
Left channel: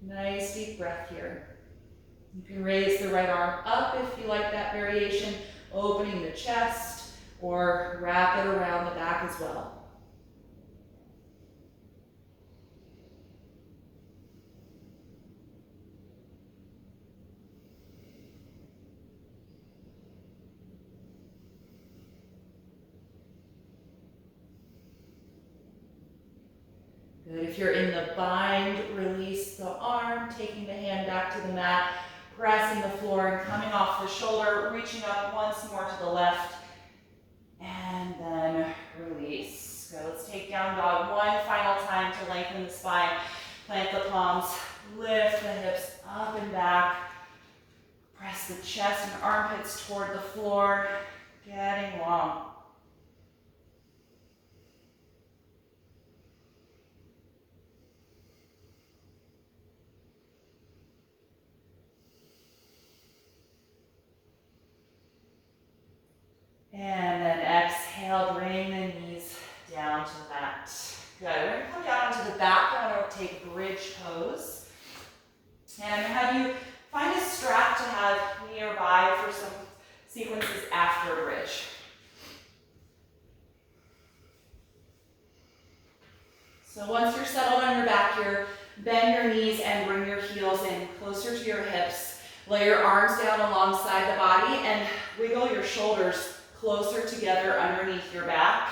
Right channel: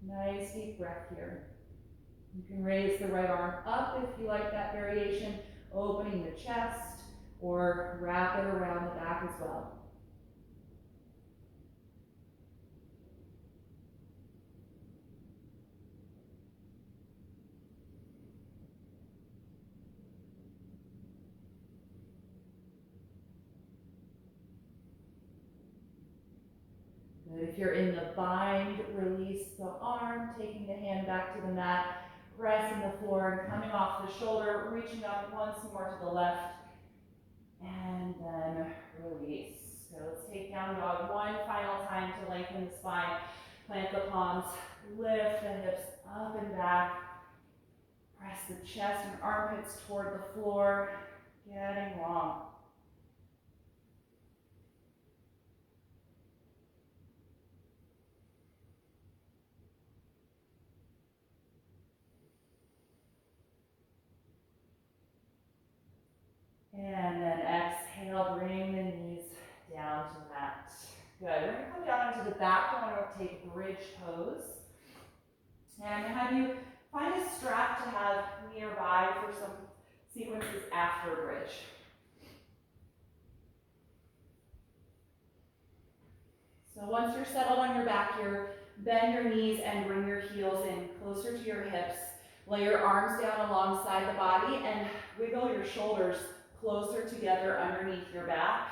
Nice deep breath here. You can raise the right arm up if you like that variation, opening the chest, or wrap it around the back as well. Good. If you're in the bind, release the arm, taking the hand back to the mat, pressing the floor and coming off the shoulder, reaching up once more to the left, and then release. So let's take down dog one final time to lengthen the spine. Plant the palms, lift the hips up and back, press the chest and armpits toward the floor, getting long. And then exhale, bring the knees down to the mat. Good. We're going to come down onto the back. I'm going to take bridge pose. And I'm going to have you find a strap to have nearby for some sequences after bridge. So once you're settled on your back here, bend your knees and bring your heels in closer to your hips. Lay your arms down alongside the body and wiggle your shoulders closer together underneath your back.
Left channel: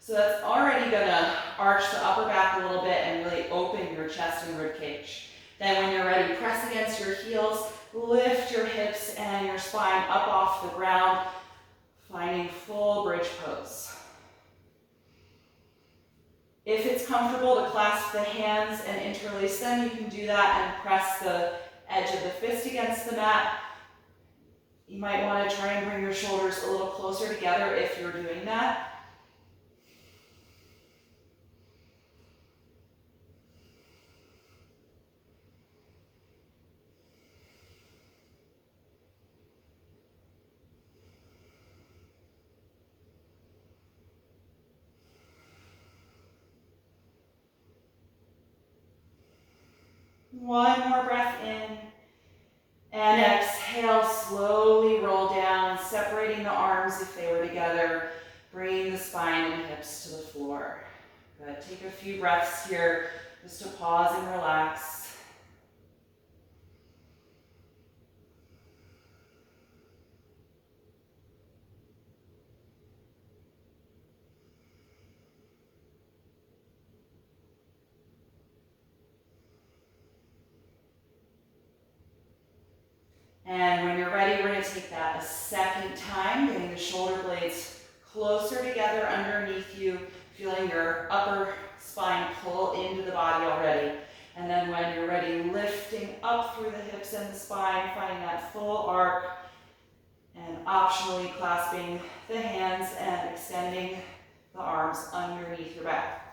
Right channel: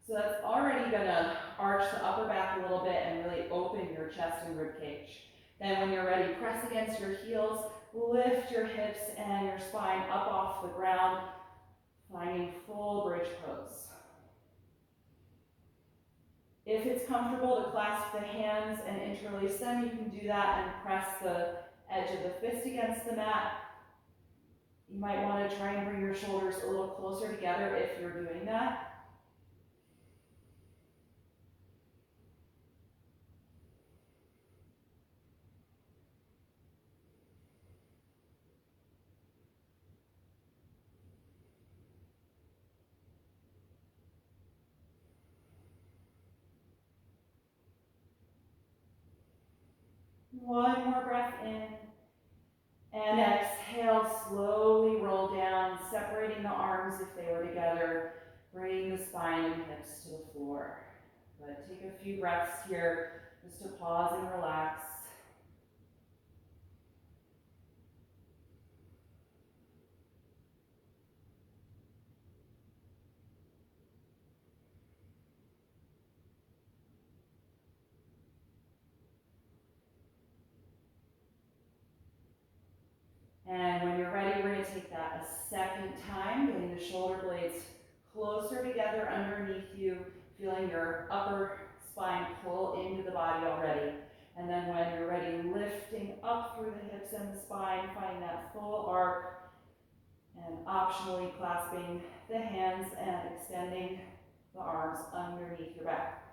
So that's already going to arch the upper back a little bit and really open your chest and rib cage. Then when you're ready, press against your heels, lift your hips and your spine up off the ground, finding full bridge pose. If it's comfortable to clasp the hands and interlace them, you can do that and press the edge of the fist against the mat. You might want to try and bring your shoulders a little closer together if you're doing that. One more breath in. And exhale, slowly roll down, separating the arms if they were together. Bring the spine and hips to the floor. Good. Take a few breaths here just to pause and relax. And when you're ready, we're going to take that a second time, getting the shoulder blades closer together underneath you, feeling your upper spine pull into the body already. And then when you're ready, lifting up through the hips and the spine, finding that full arc, and optionally clasping the hands and extending the arms underneath your back.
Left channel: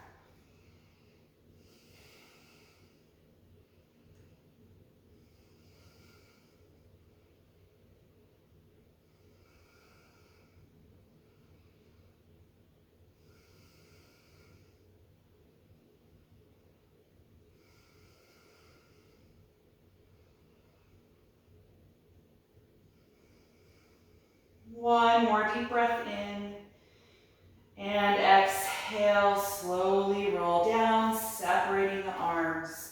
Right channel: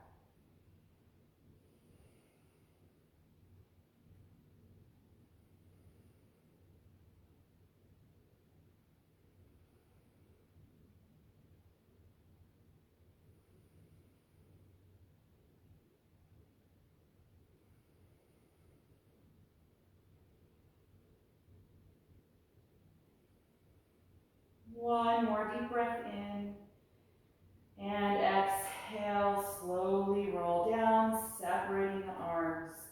One more deep breath in, and exhale, slowly roll down, separating the arms.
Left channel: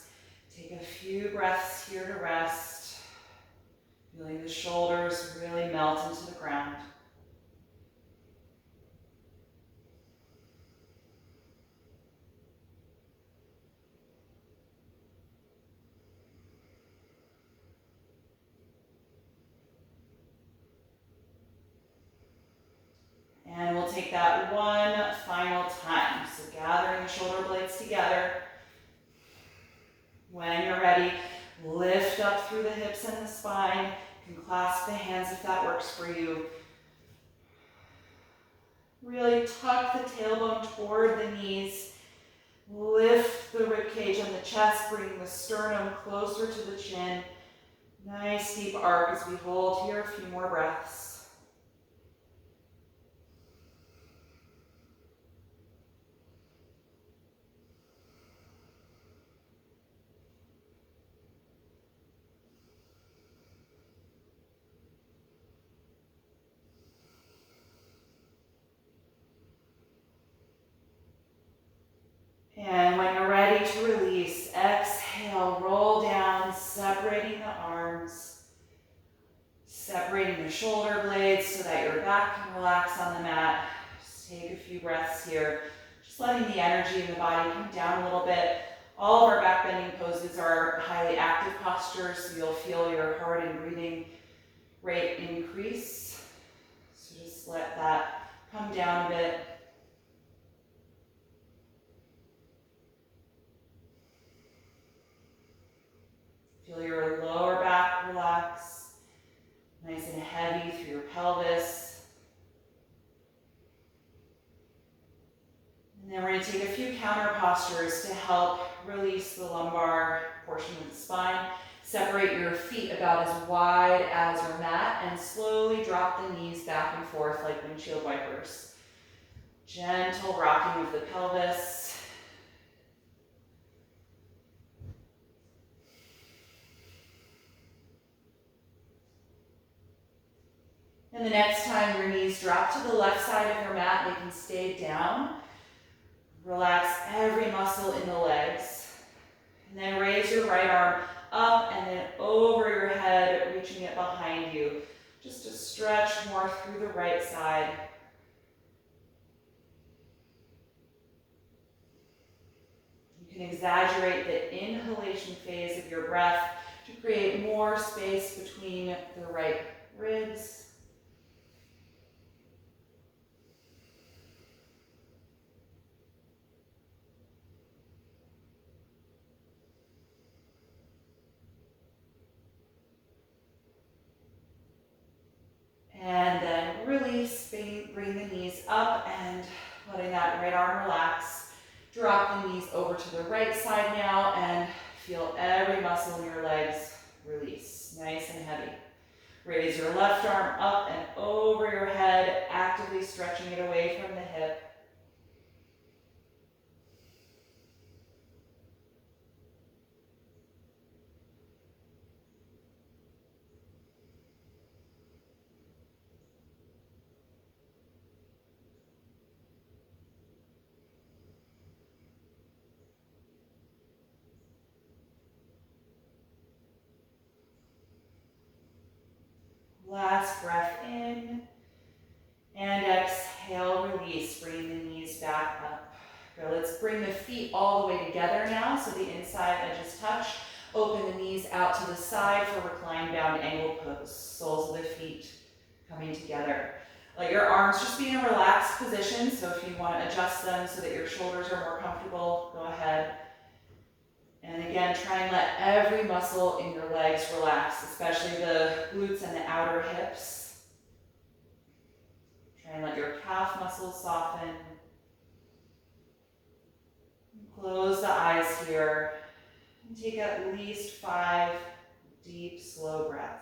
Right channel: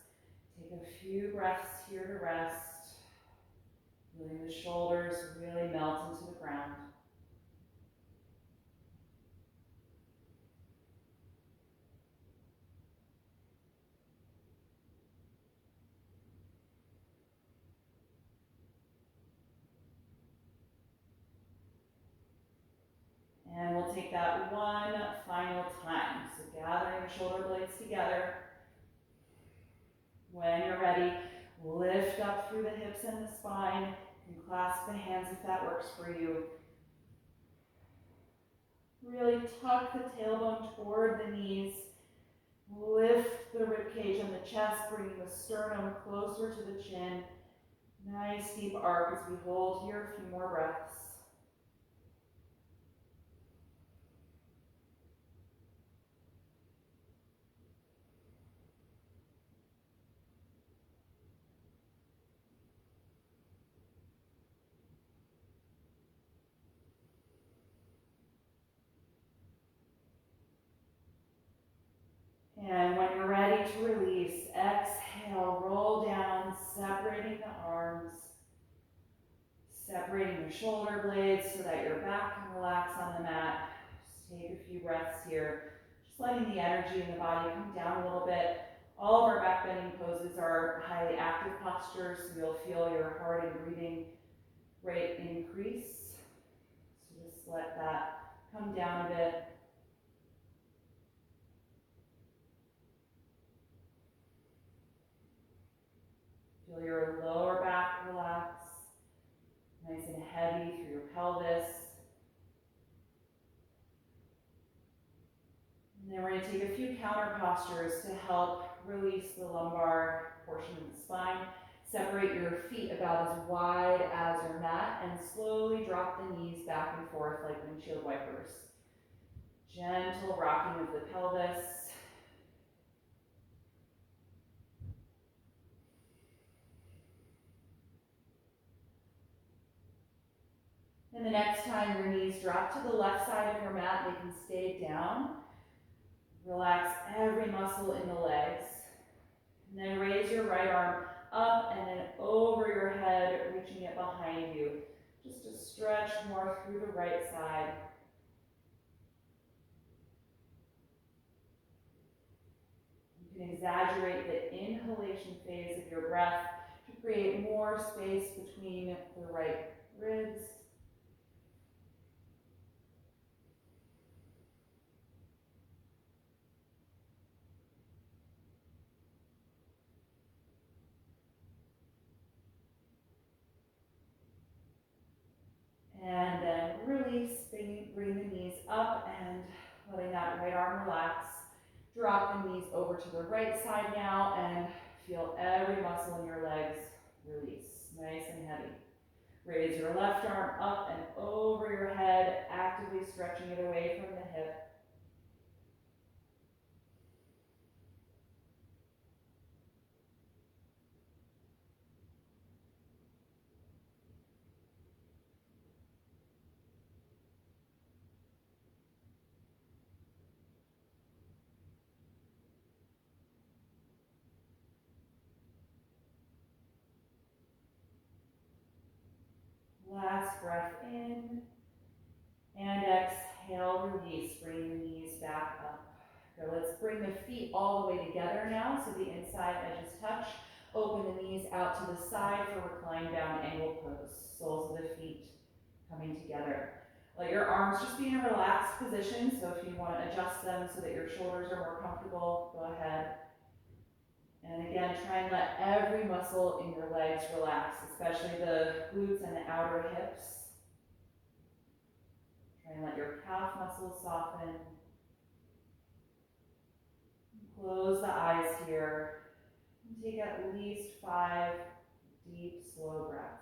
Take a few breaths here to rest, feeling the shoulders really melt into the ground. And we'll take that one final time. So gathering the shoulder blades together. When you're ready, lift up through the hips and the spine. You can clasp the hands if that works for you. Really tuck the tailbone toward the knees. Lift the ribcage and the chest, bringing the sternum closer to the chin. Nice deep arc as we hold here a few more breaths. And when you're ready to release, exhale, roll down, separating the arms, separating the shoulder blades so that your back can relax on the mat. Just take a few breaths here, just letting the energy in the body come down a little bit. All of our back bending poses are highly active postures, so you'll feel your heart and breathing rate increase. So just let that come down a bit. Feel your lower back relax, nice and heavy through your pelvis. And then we're going to take a few counter postures to help release the lumbar portion of the spine. Separate your feet about as wide as your mat and slowly drop the knees back and forth like windshield wipers. Gentle rocking of the pelvis. And the next time your knees drop to the left side of your mat, they can stay down. Relax every muscle in the legs. And then raise your right arm up and then over your head, reaching it behind you. Just to stretch more through the right side. You can exaggerate the inhalation phase of your breath to create more space between the right ribs. And then release, bring the knees up and letting that right arm relax. Drop the knees over to the right side now and feel every muscle in your legs release, nice and heavy. Raise your left arm up and over your head, actively stretching it away from the hip. Last breath in, and exhale, release, bring the knees back up. Good, let's bring the feet all the way together now, so the inside edges touch. Open the knees out to the side for recline bound angle pose. Soles of the feet coming together. Let your arms just be in a relaxed position, so if you want to adjust them so that your shoulders are more comfortable, go ahead. And again, try and let every muscle in your legs relax, especially the glutes and the outer hips. Try and let your calf muscles soften. Close the eyes here. And take at least 5 deep, slow breaths.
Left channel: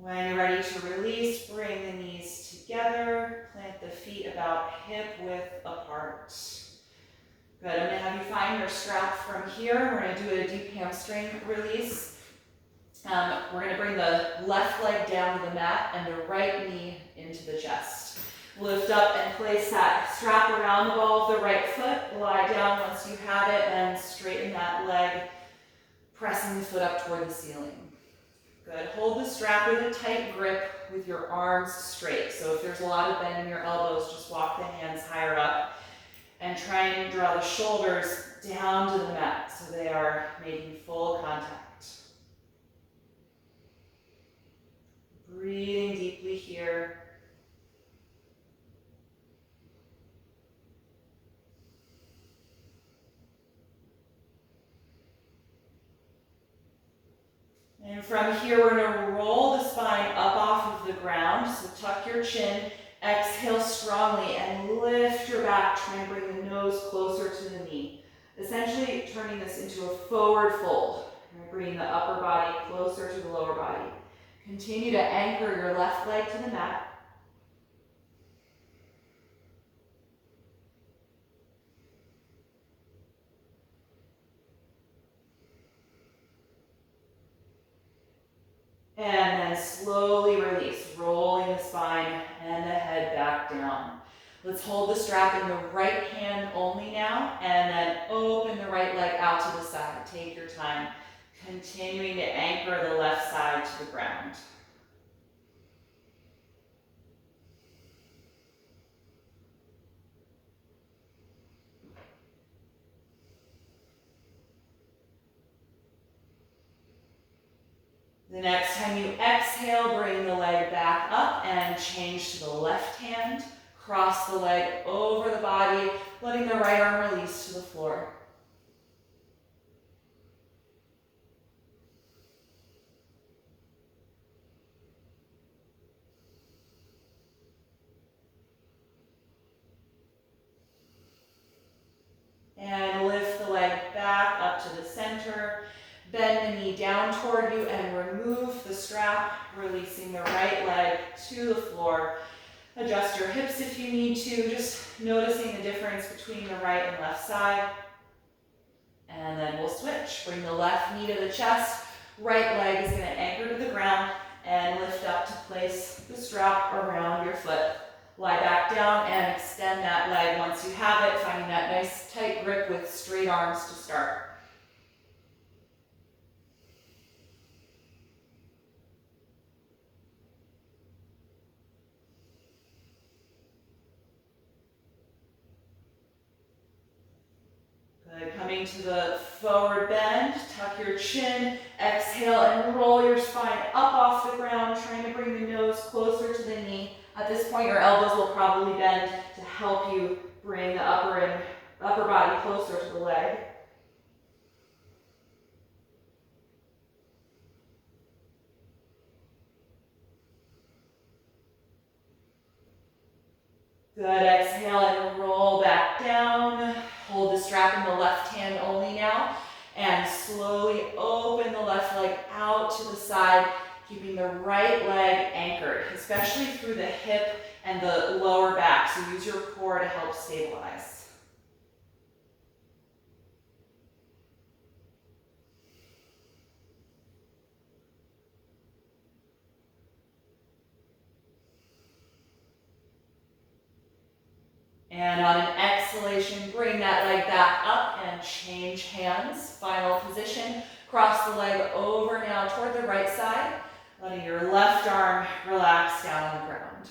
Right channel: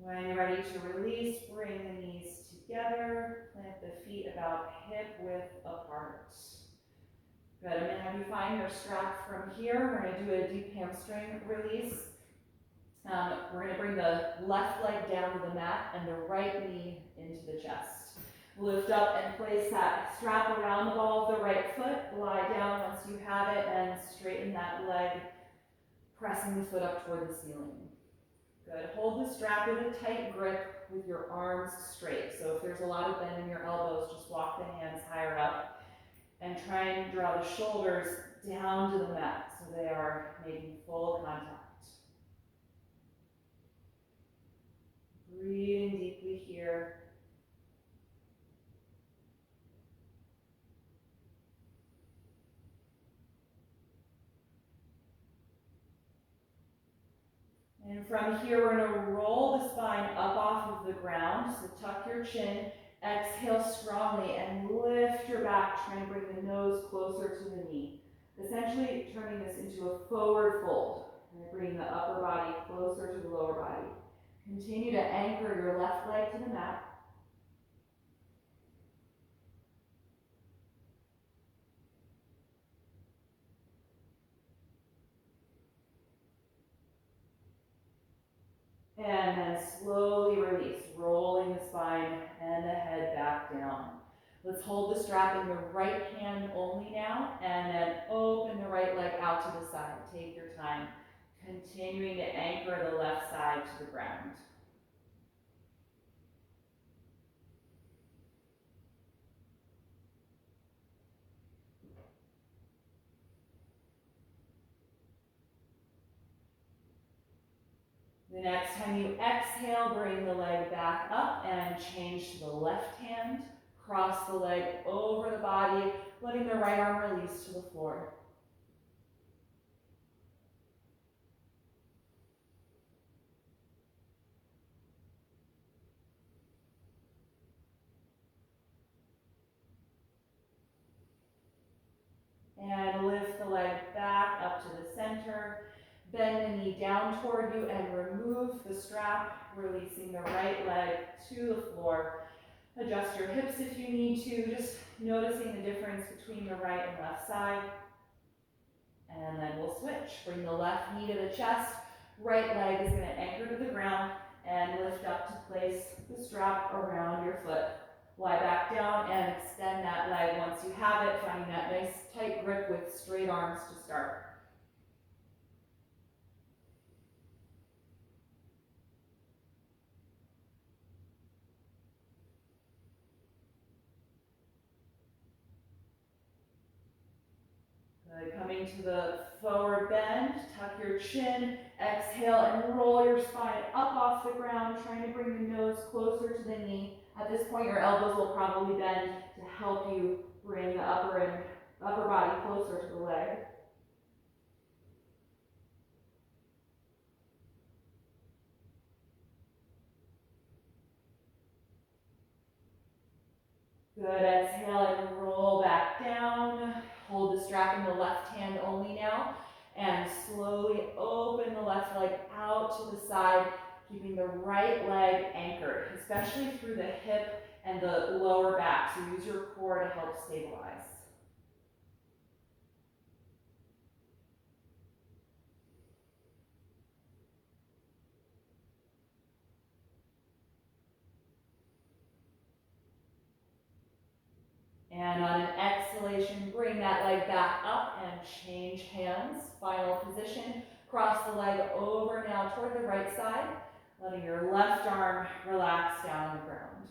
When you're ready to release, bring the knees together, plant the feet about hip width apart. Good, I'm gonna have you find your strap from here. We're gonna do a deep hamstring release. We're gonna bring the left leg down to the mat and the right knee into the chest. Lift up and place that strap around the ball of the right foot. Lie down once you have it and straighten that leg, pressing the foot up toward the ceiling. Good. Hold the strap with a tight grip with your arms straight. So if there's a lot of bend in your elbows, just walk the hands higher up and try and draw the shoulders down to the mat so they are making full contact. Breathing deeply here. And from here, we're going to roll the spine up off of the ground. So tuck your chin, exhale strongly, and lift your back, trying to bring the nose closer to the knee. Essentially turning this into a forward fold. You're bringing the upper body closer to the lower body. Continue to anchor your left leg to the mat. And then slowly release, rolling the spine and the head back down. Let's hold the strap in the right hand only now, and then open the right leg out to the side. Take your time, continuing to anchor the left side to the ground. The next time you exhale, bring the leg back up and change to the left hand. Cross the leg over the body, letting the right arm release to the floor. And lift the leg back up to the center. Bend the knee down toward you and remove the strap, releasing the right leg to the floor. Adjust your hips if you need to, just noticing the difference between the right and left side. And then we'll switch. Bring the left knee to the chest. Right leg is going to anchor to the ground and lift up to place the strap around your foot. Lie back down and extend that leg once you have it, finding that nice tight grip with straight arms to start. Good. Coming to the forward bend, tuck your chin, exhale and roll your spine up off the ground, trying to bring the nose closer to the knee. At this point, your elbows will probably bend to help you bring the upper body closer to the leg. Good, exhale and roll back down. Hold the strap in the left hand only now. And slowly open the left leg out to the side, keeping the right leg anchored, especially through the hip and the lower back. So use your core to help stabilize. And on an exhalation, bring that leg back up and change hands. Final position. Cross the leg over now toward the right side, letting your left arm relax down on the ground.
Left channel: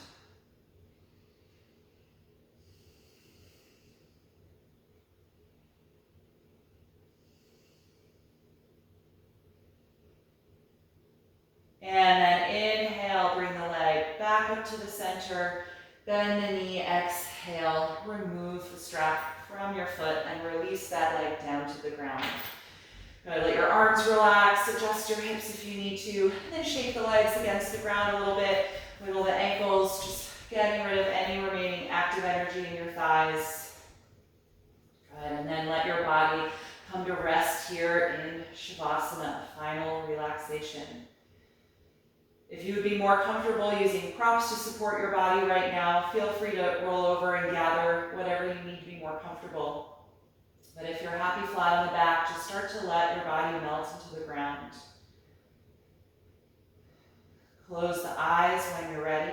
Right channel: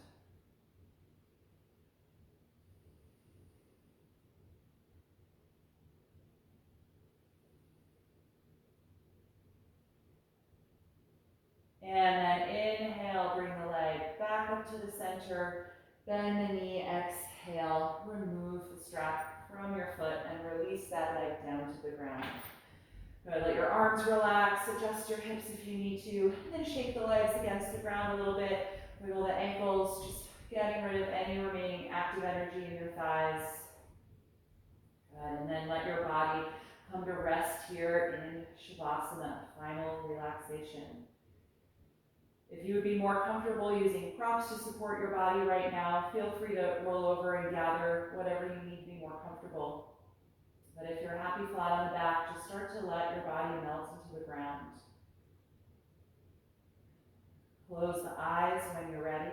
And then inhale, bring the leg back up to the center. Bend the knee, exhale, remove the strap from your foot and release that leg down to the ground. Good, let your arms relax, adjust your hips if you need to, and then shake the legs against the ground a little bit, wiggle the ankles, just getting rid of any remaining active energy in your thighs. Good, and then let your body come to rest here in Shavasana, final relaxation. If you would be more comfortable using props to support your body right now, feel free to roll over and gather whatever you need to be more comfortable. But if you're happy flat on the back, just start to let your body melt into the ground. Close the eyes when you're ready.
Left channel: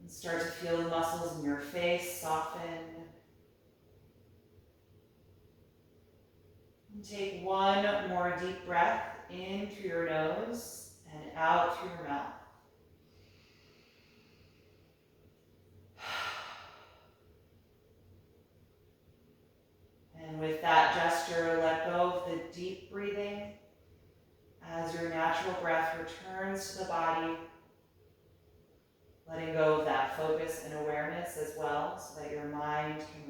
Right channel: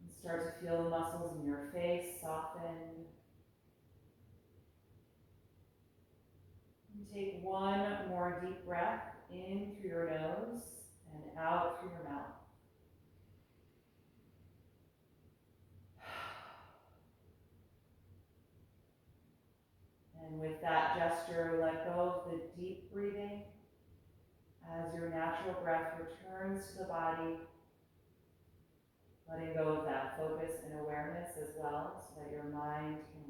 And start to feel the muscles in your face soften. And take one more deep breath in through your nose and out through your mouth. And with that gesture, let go of the deep breathing as your natural breath returns to the body, letting go of that focus and awareness as well, so that your mind can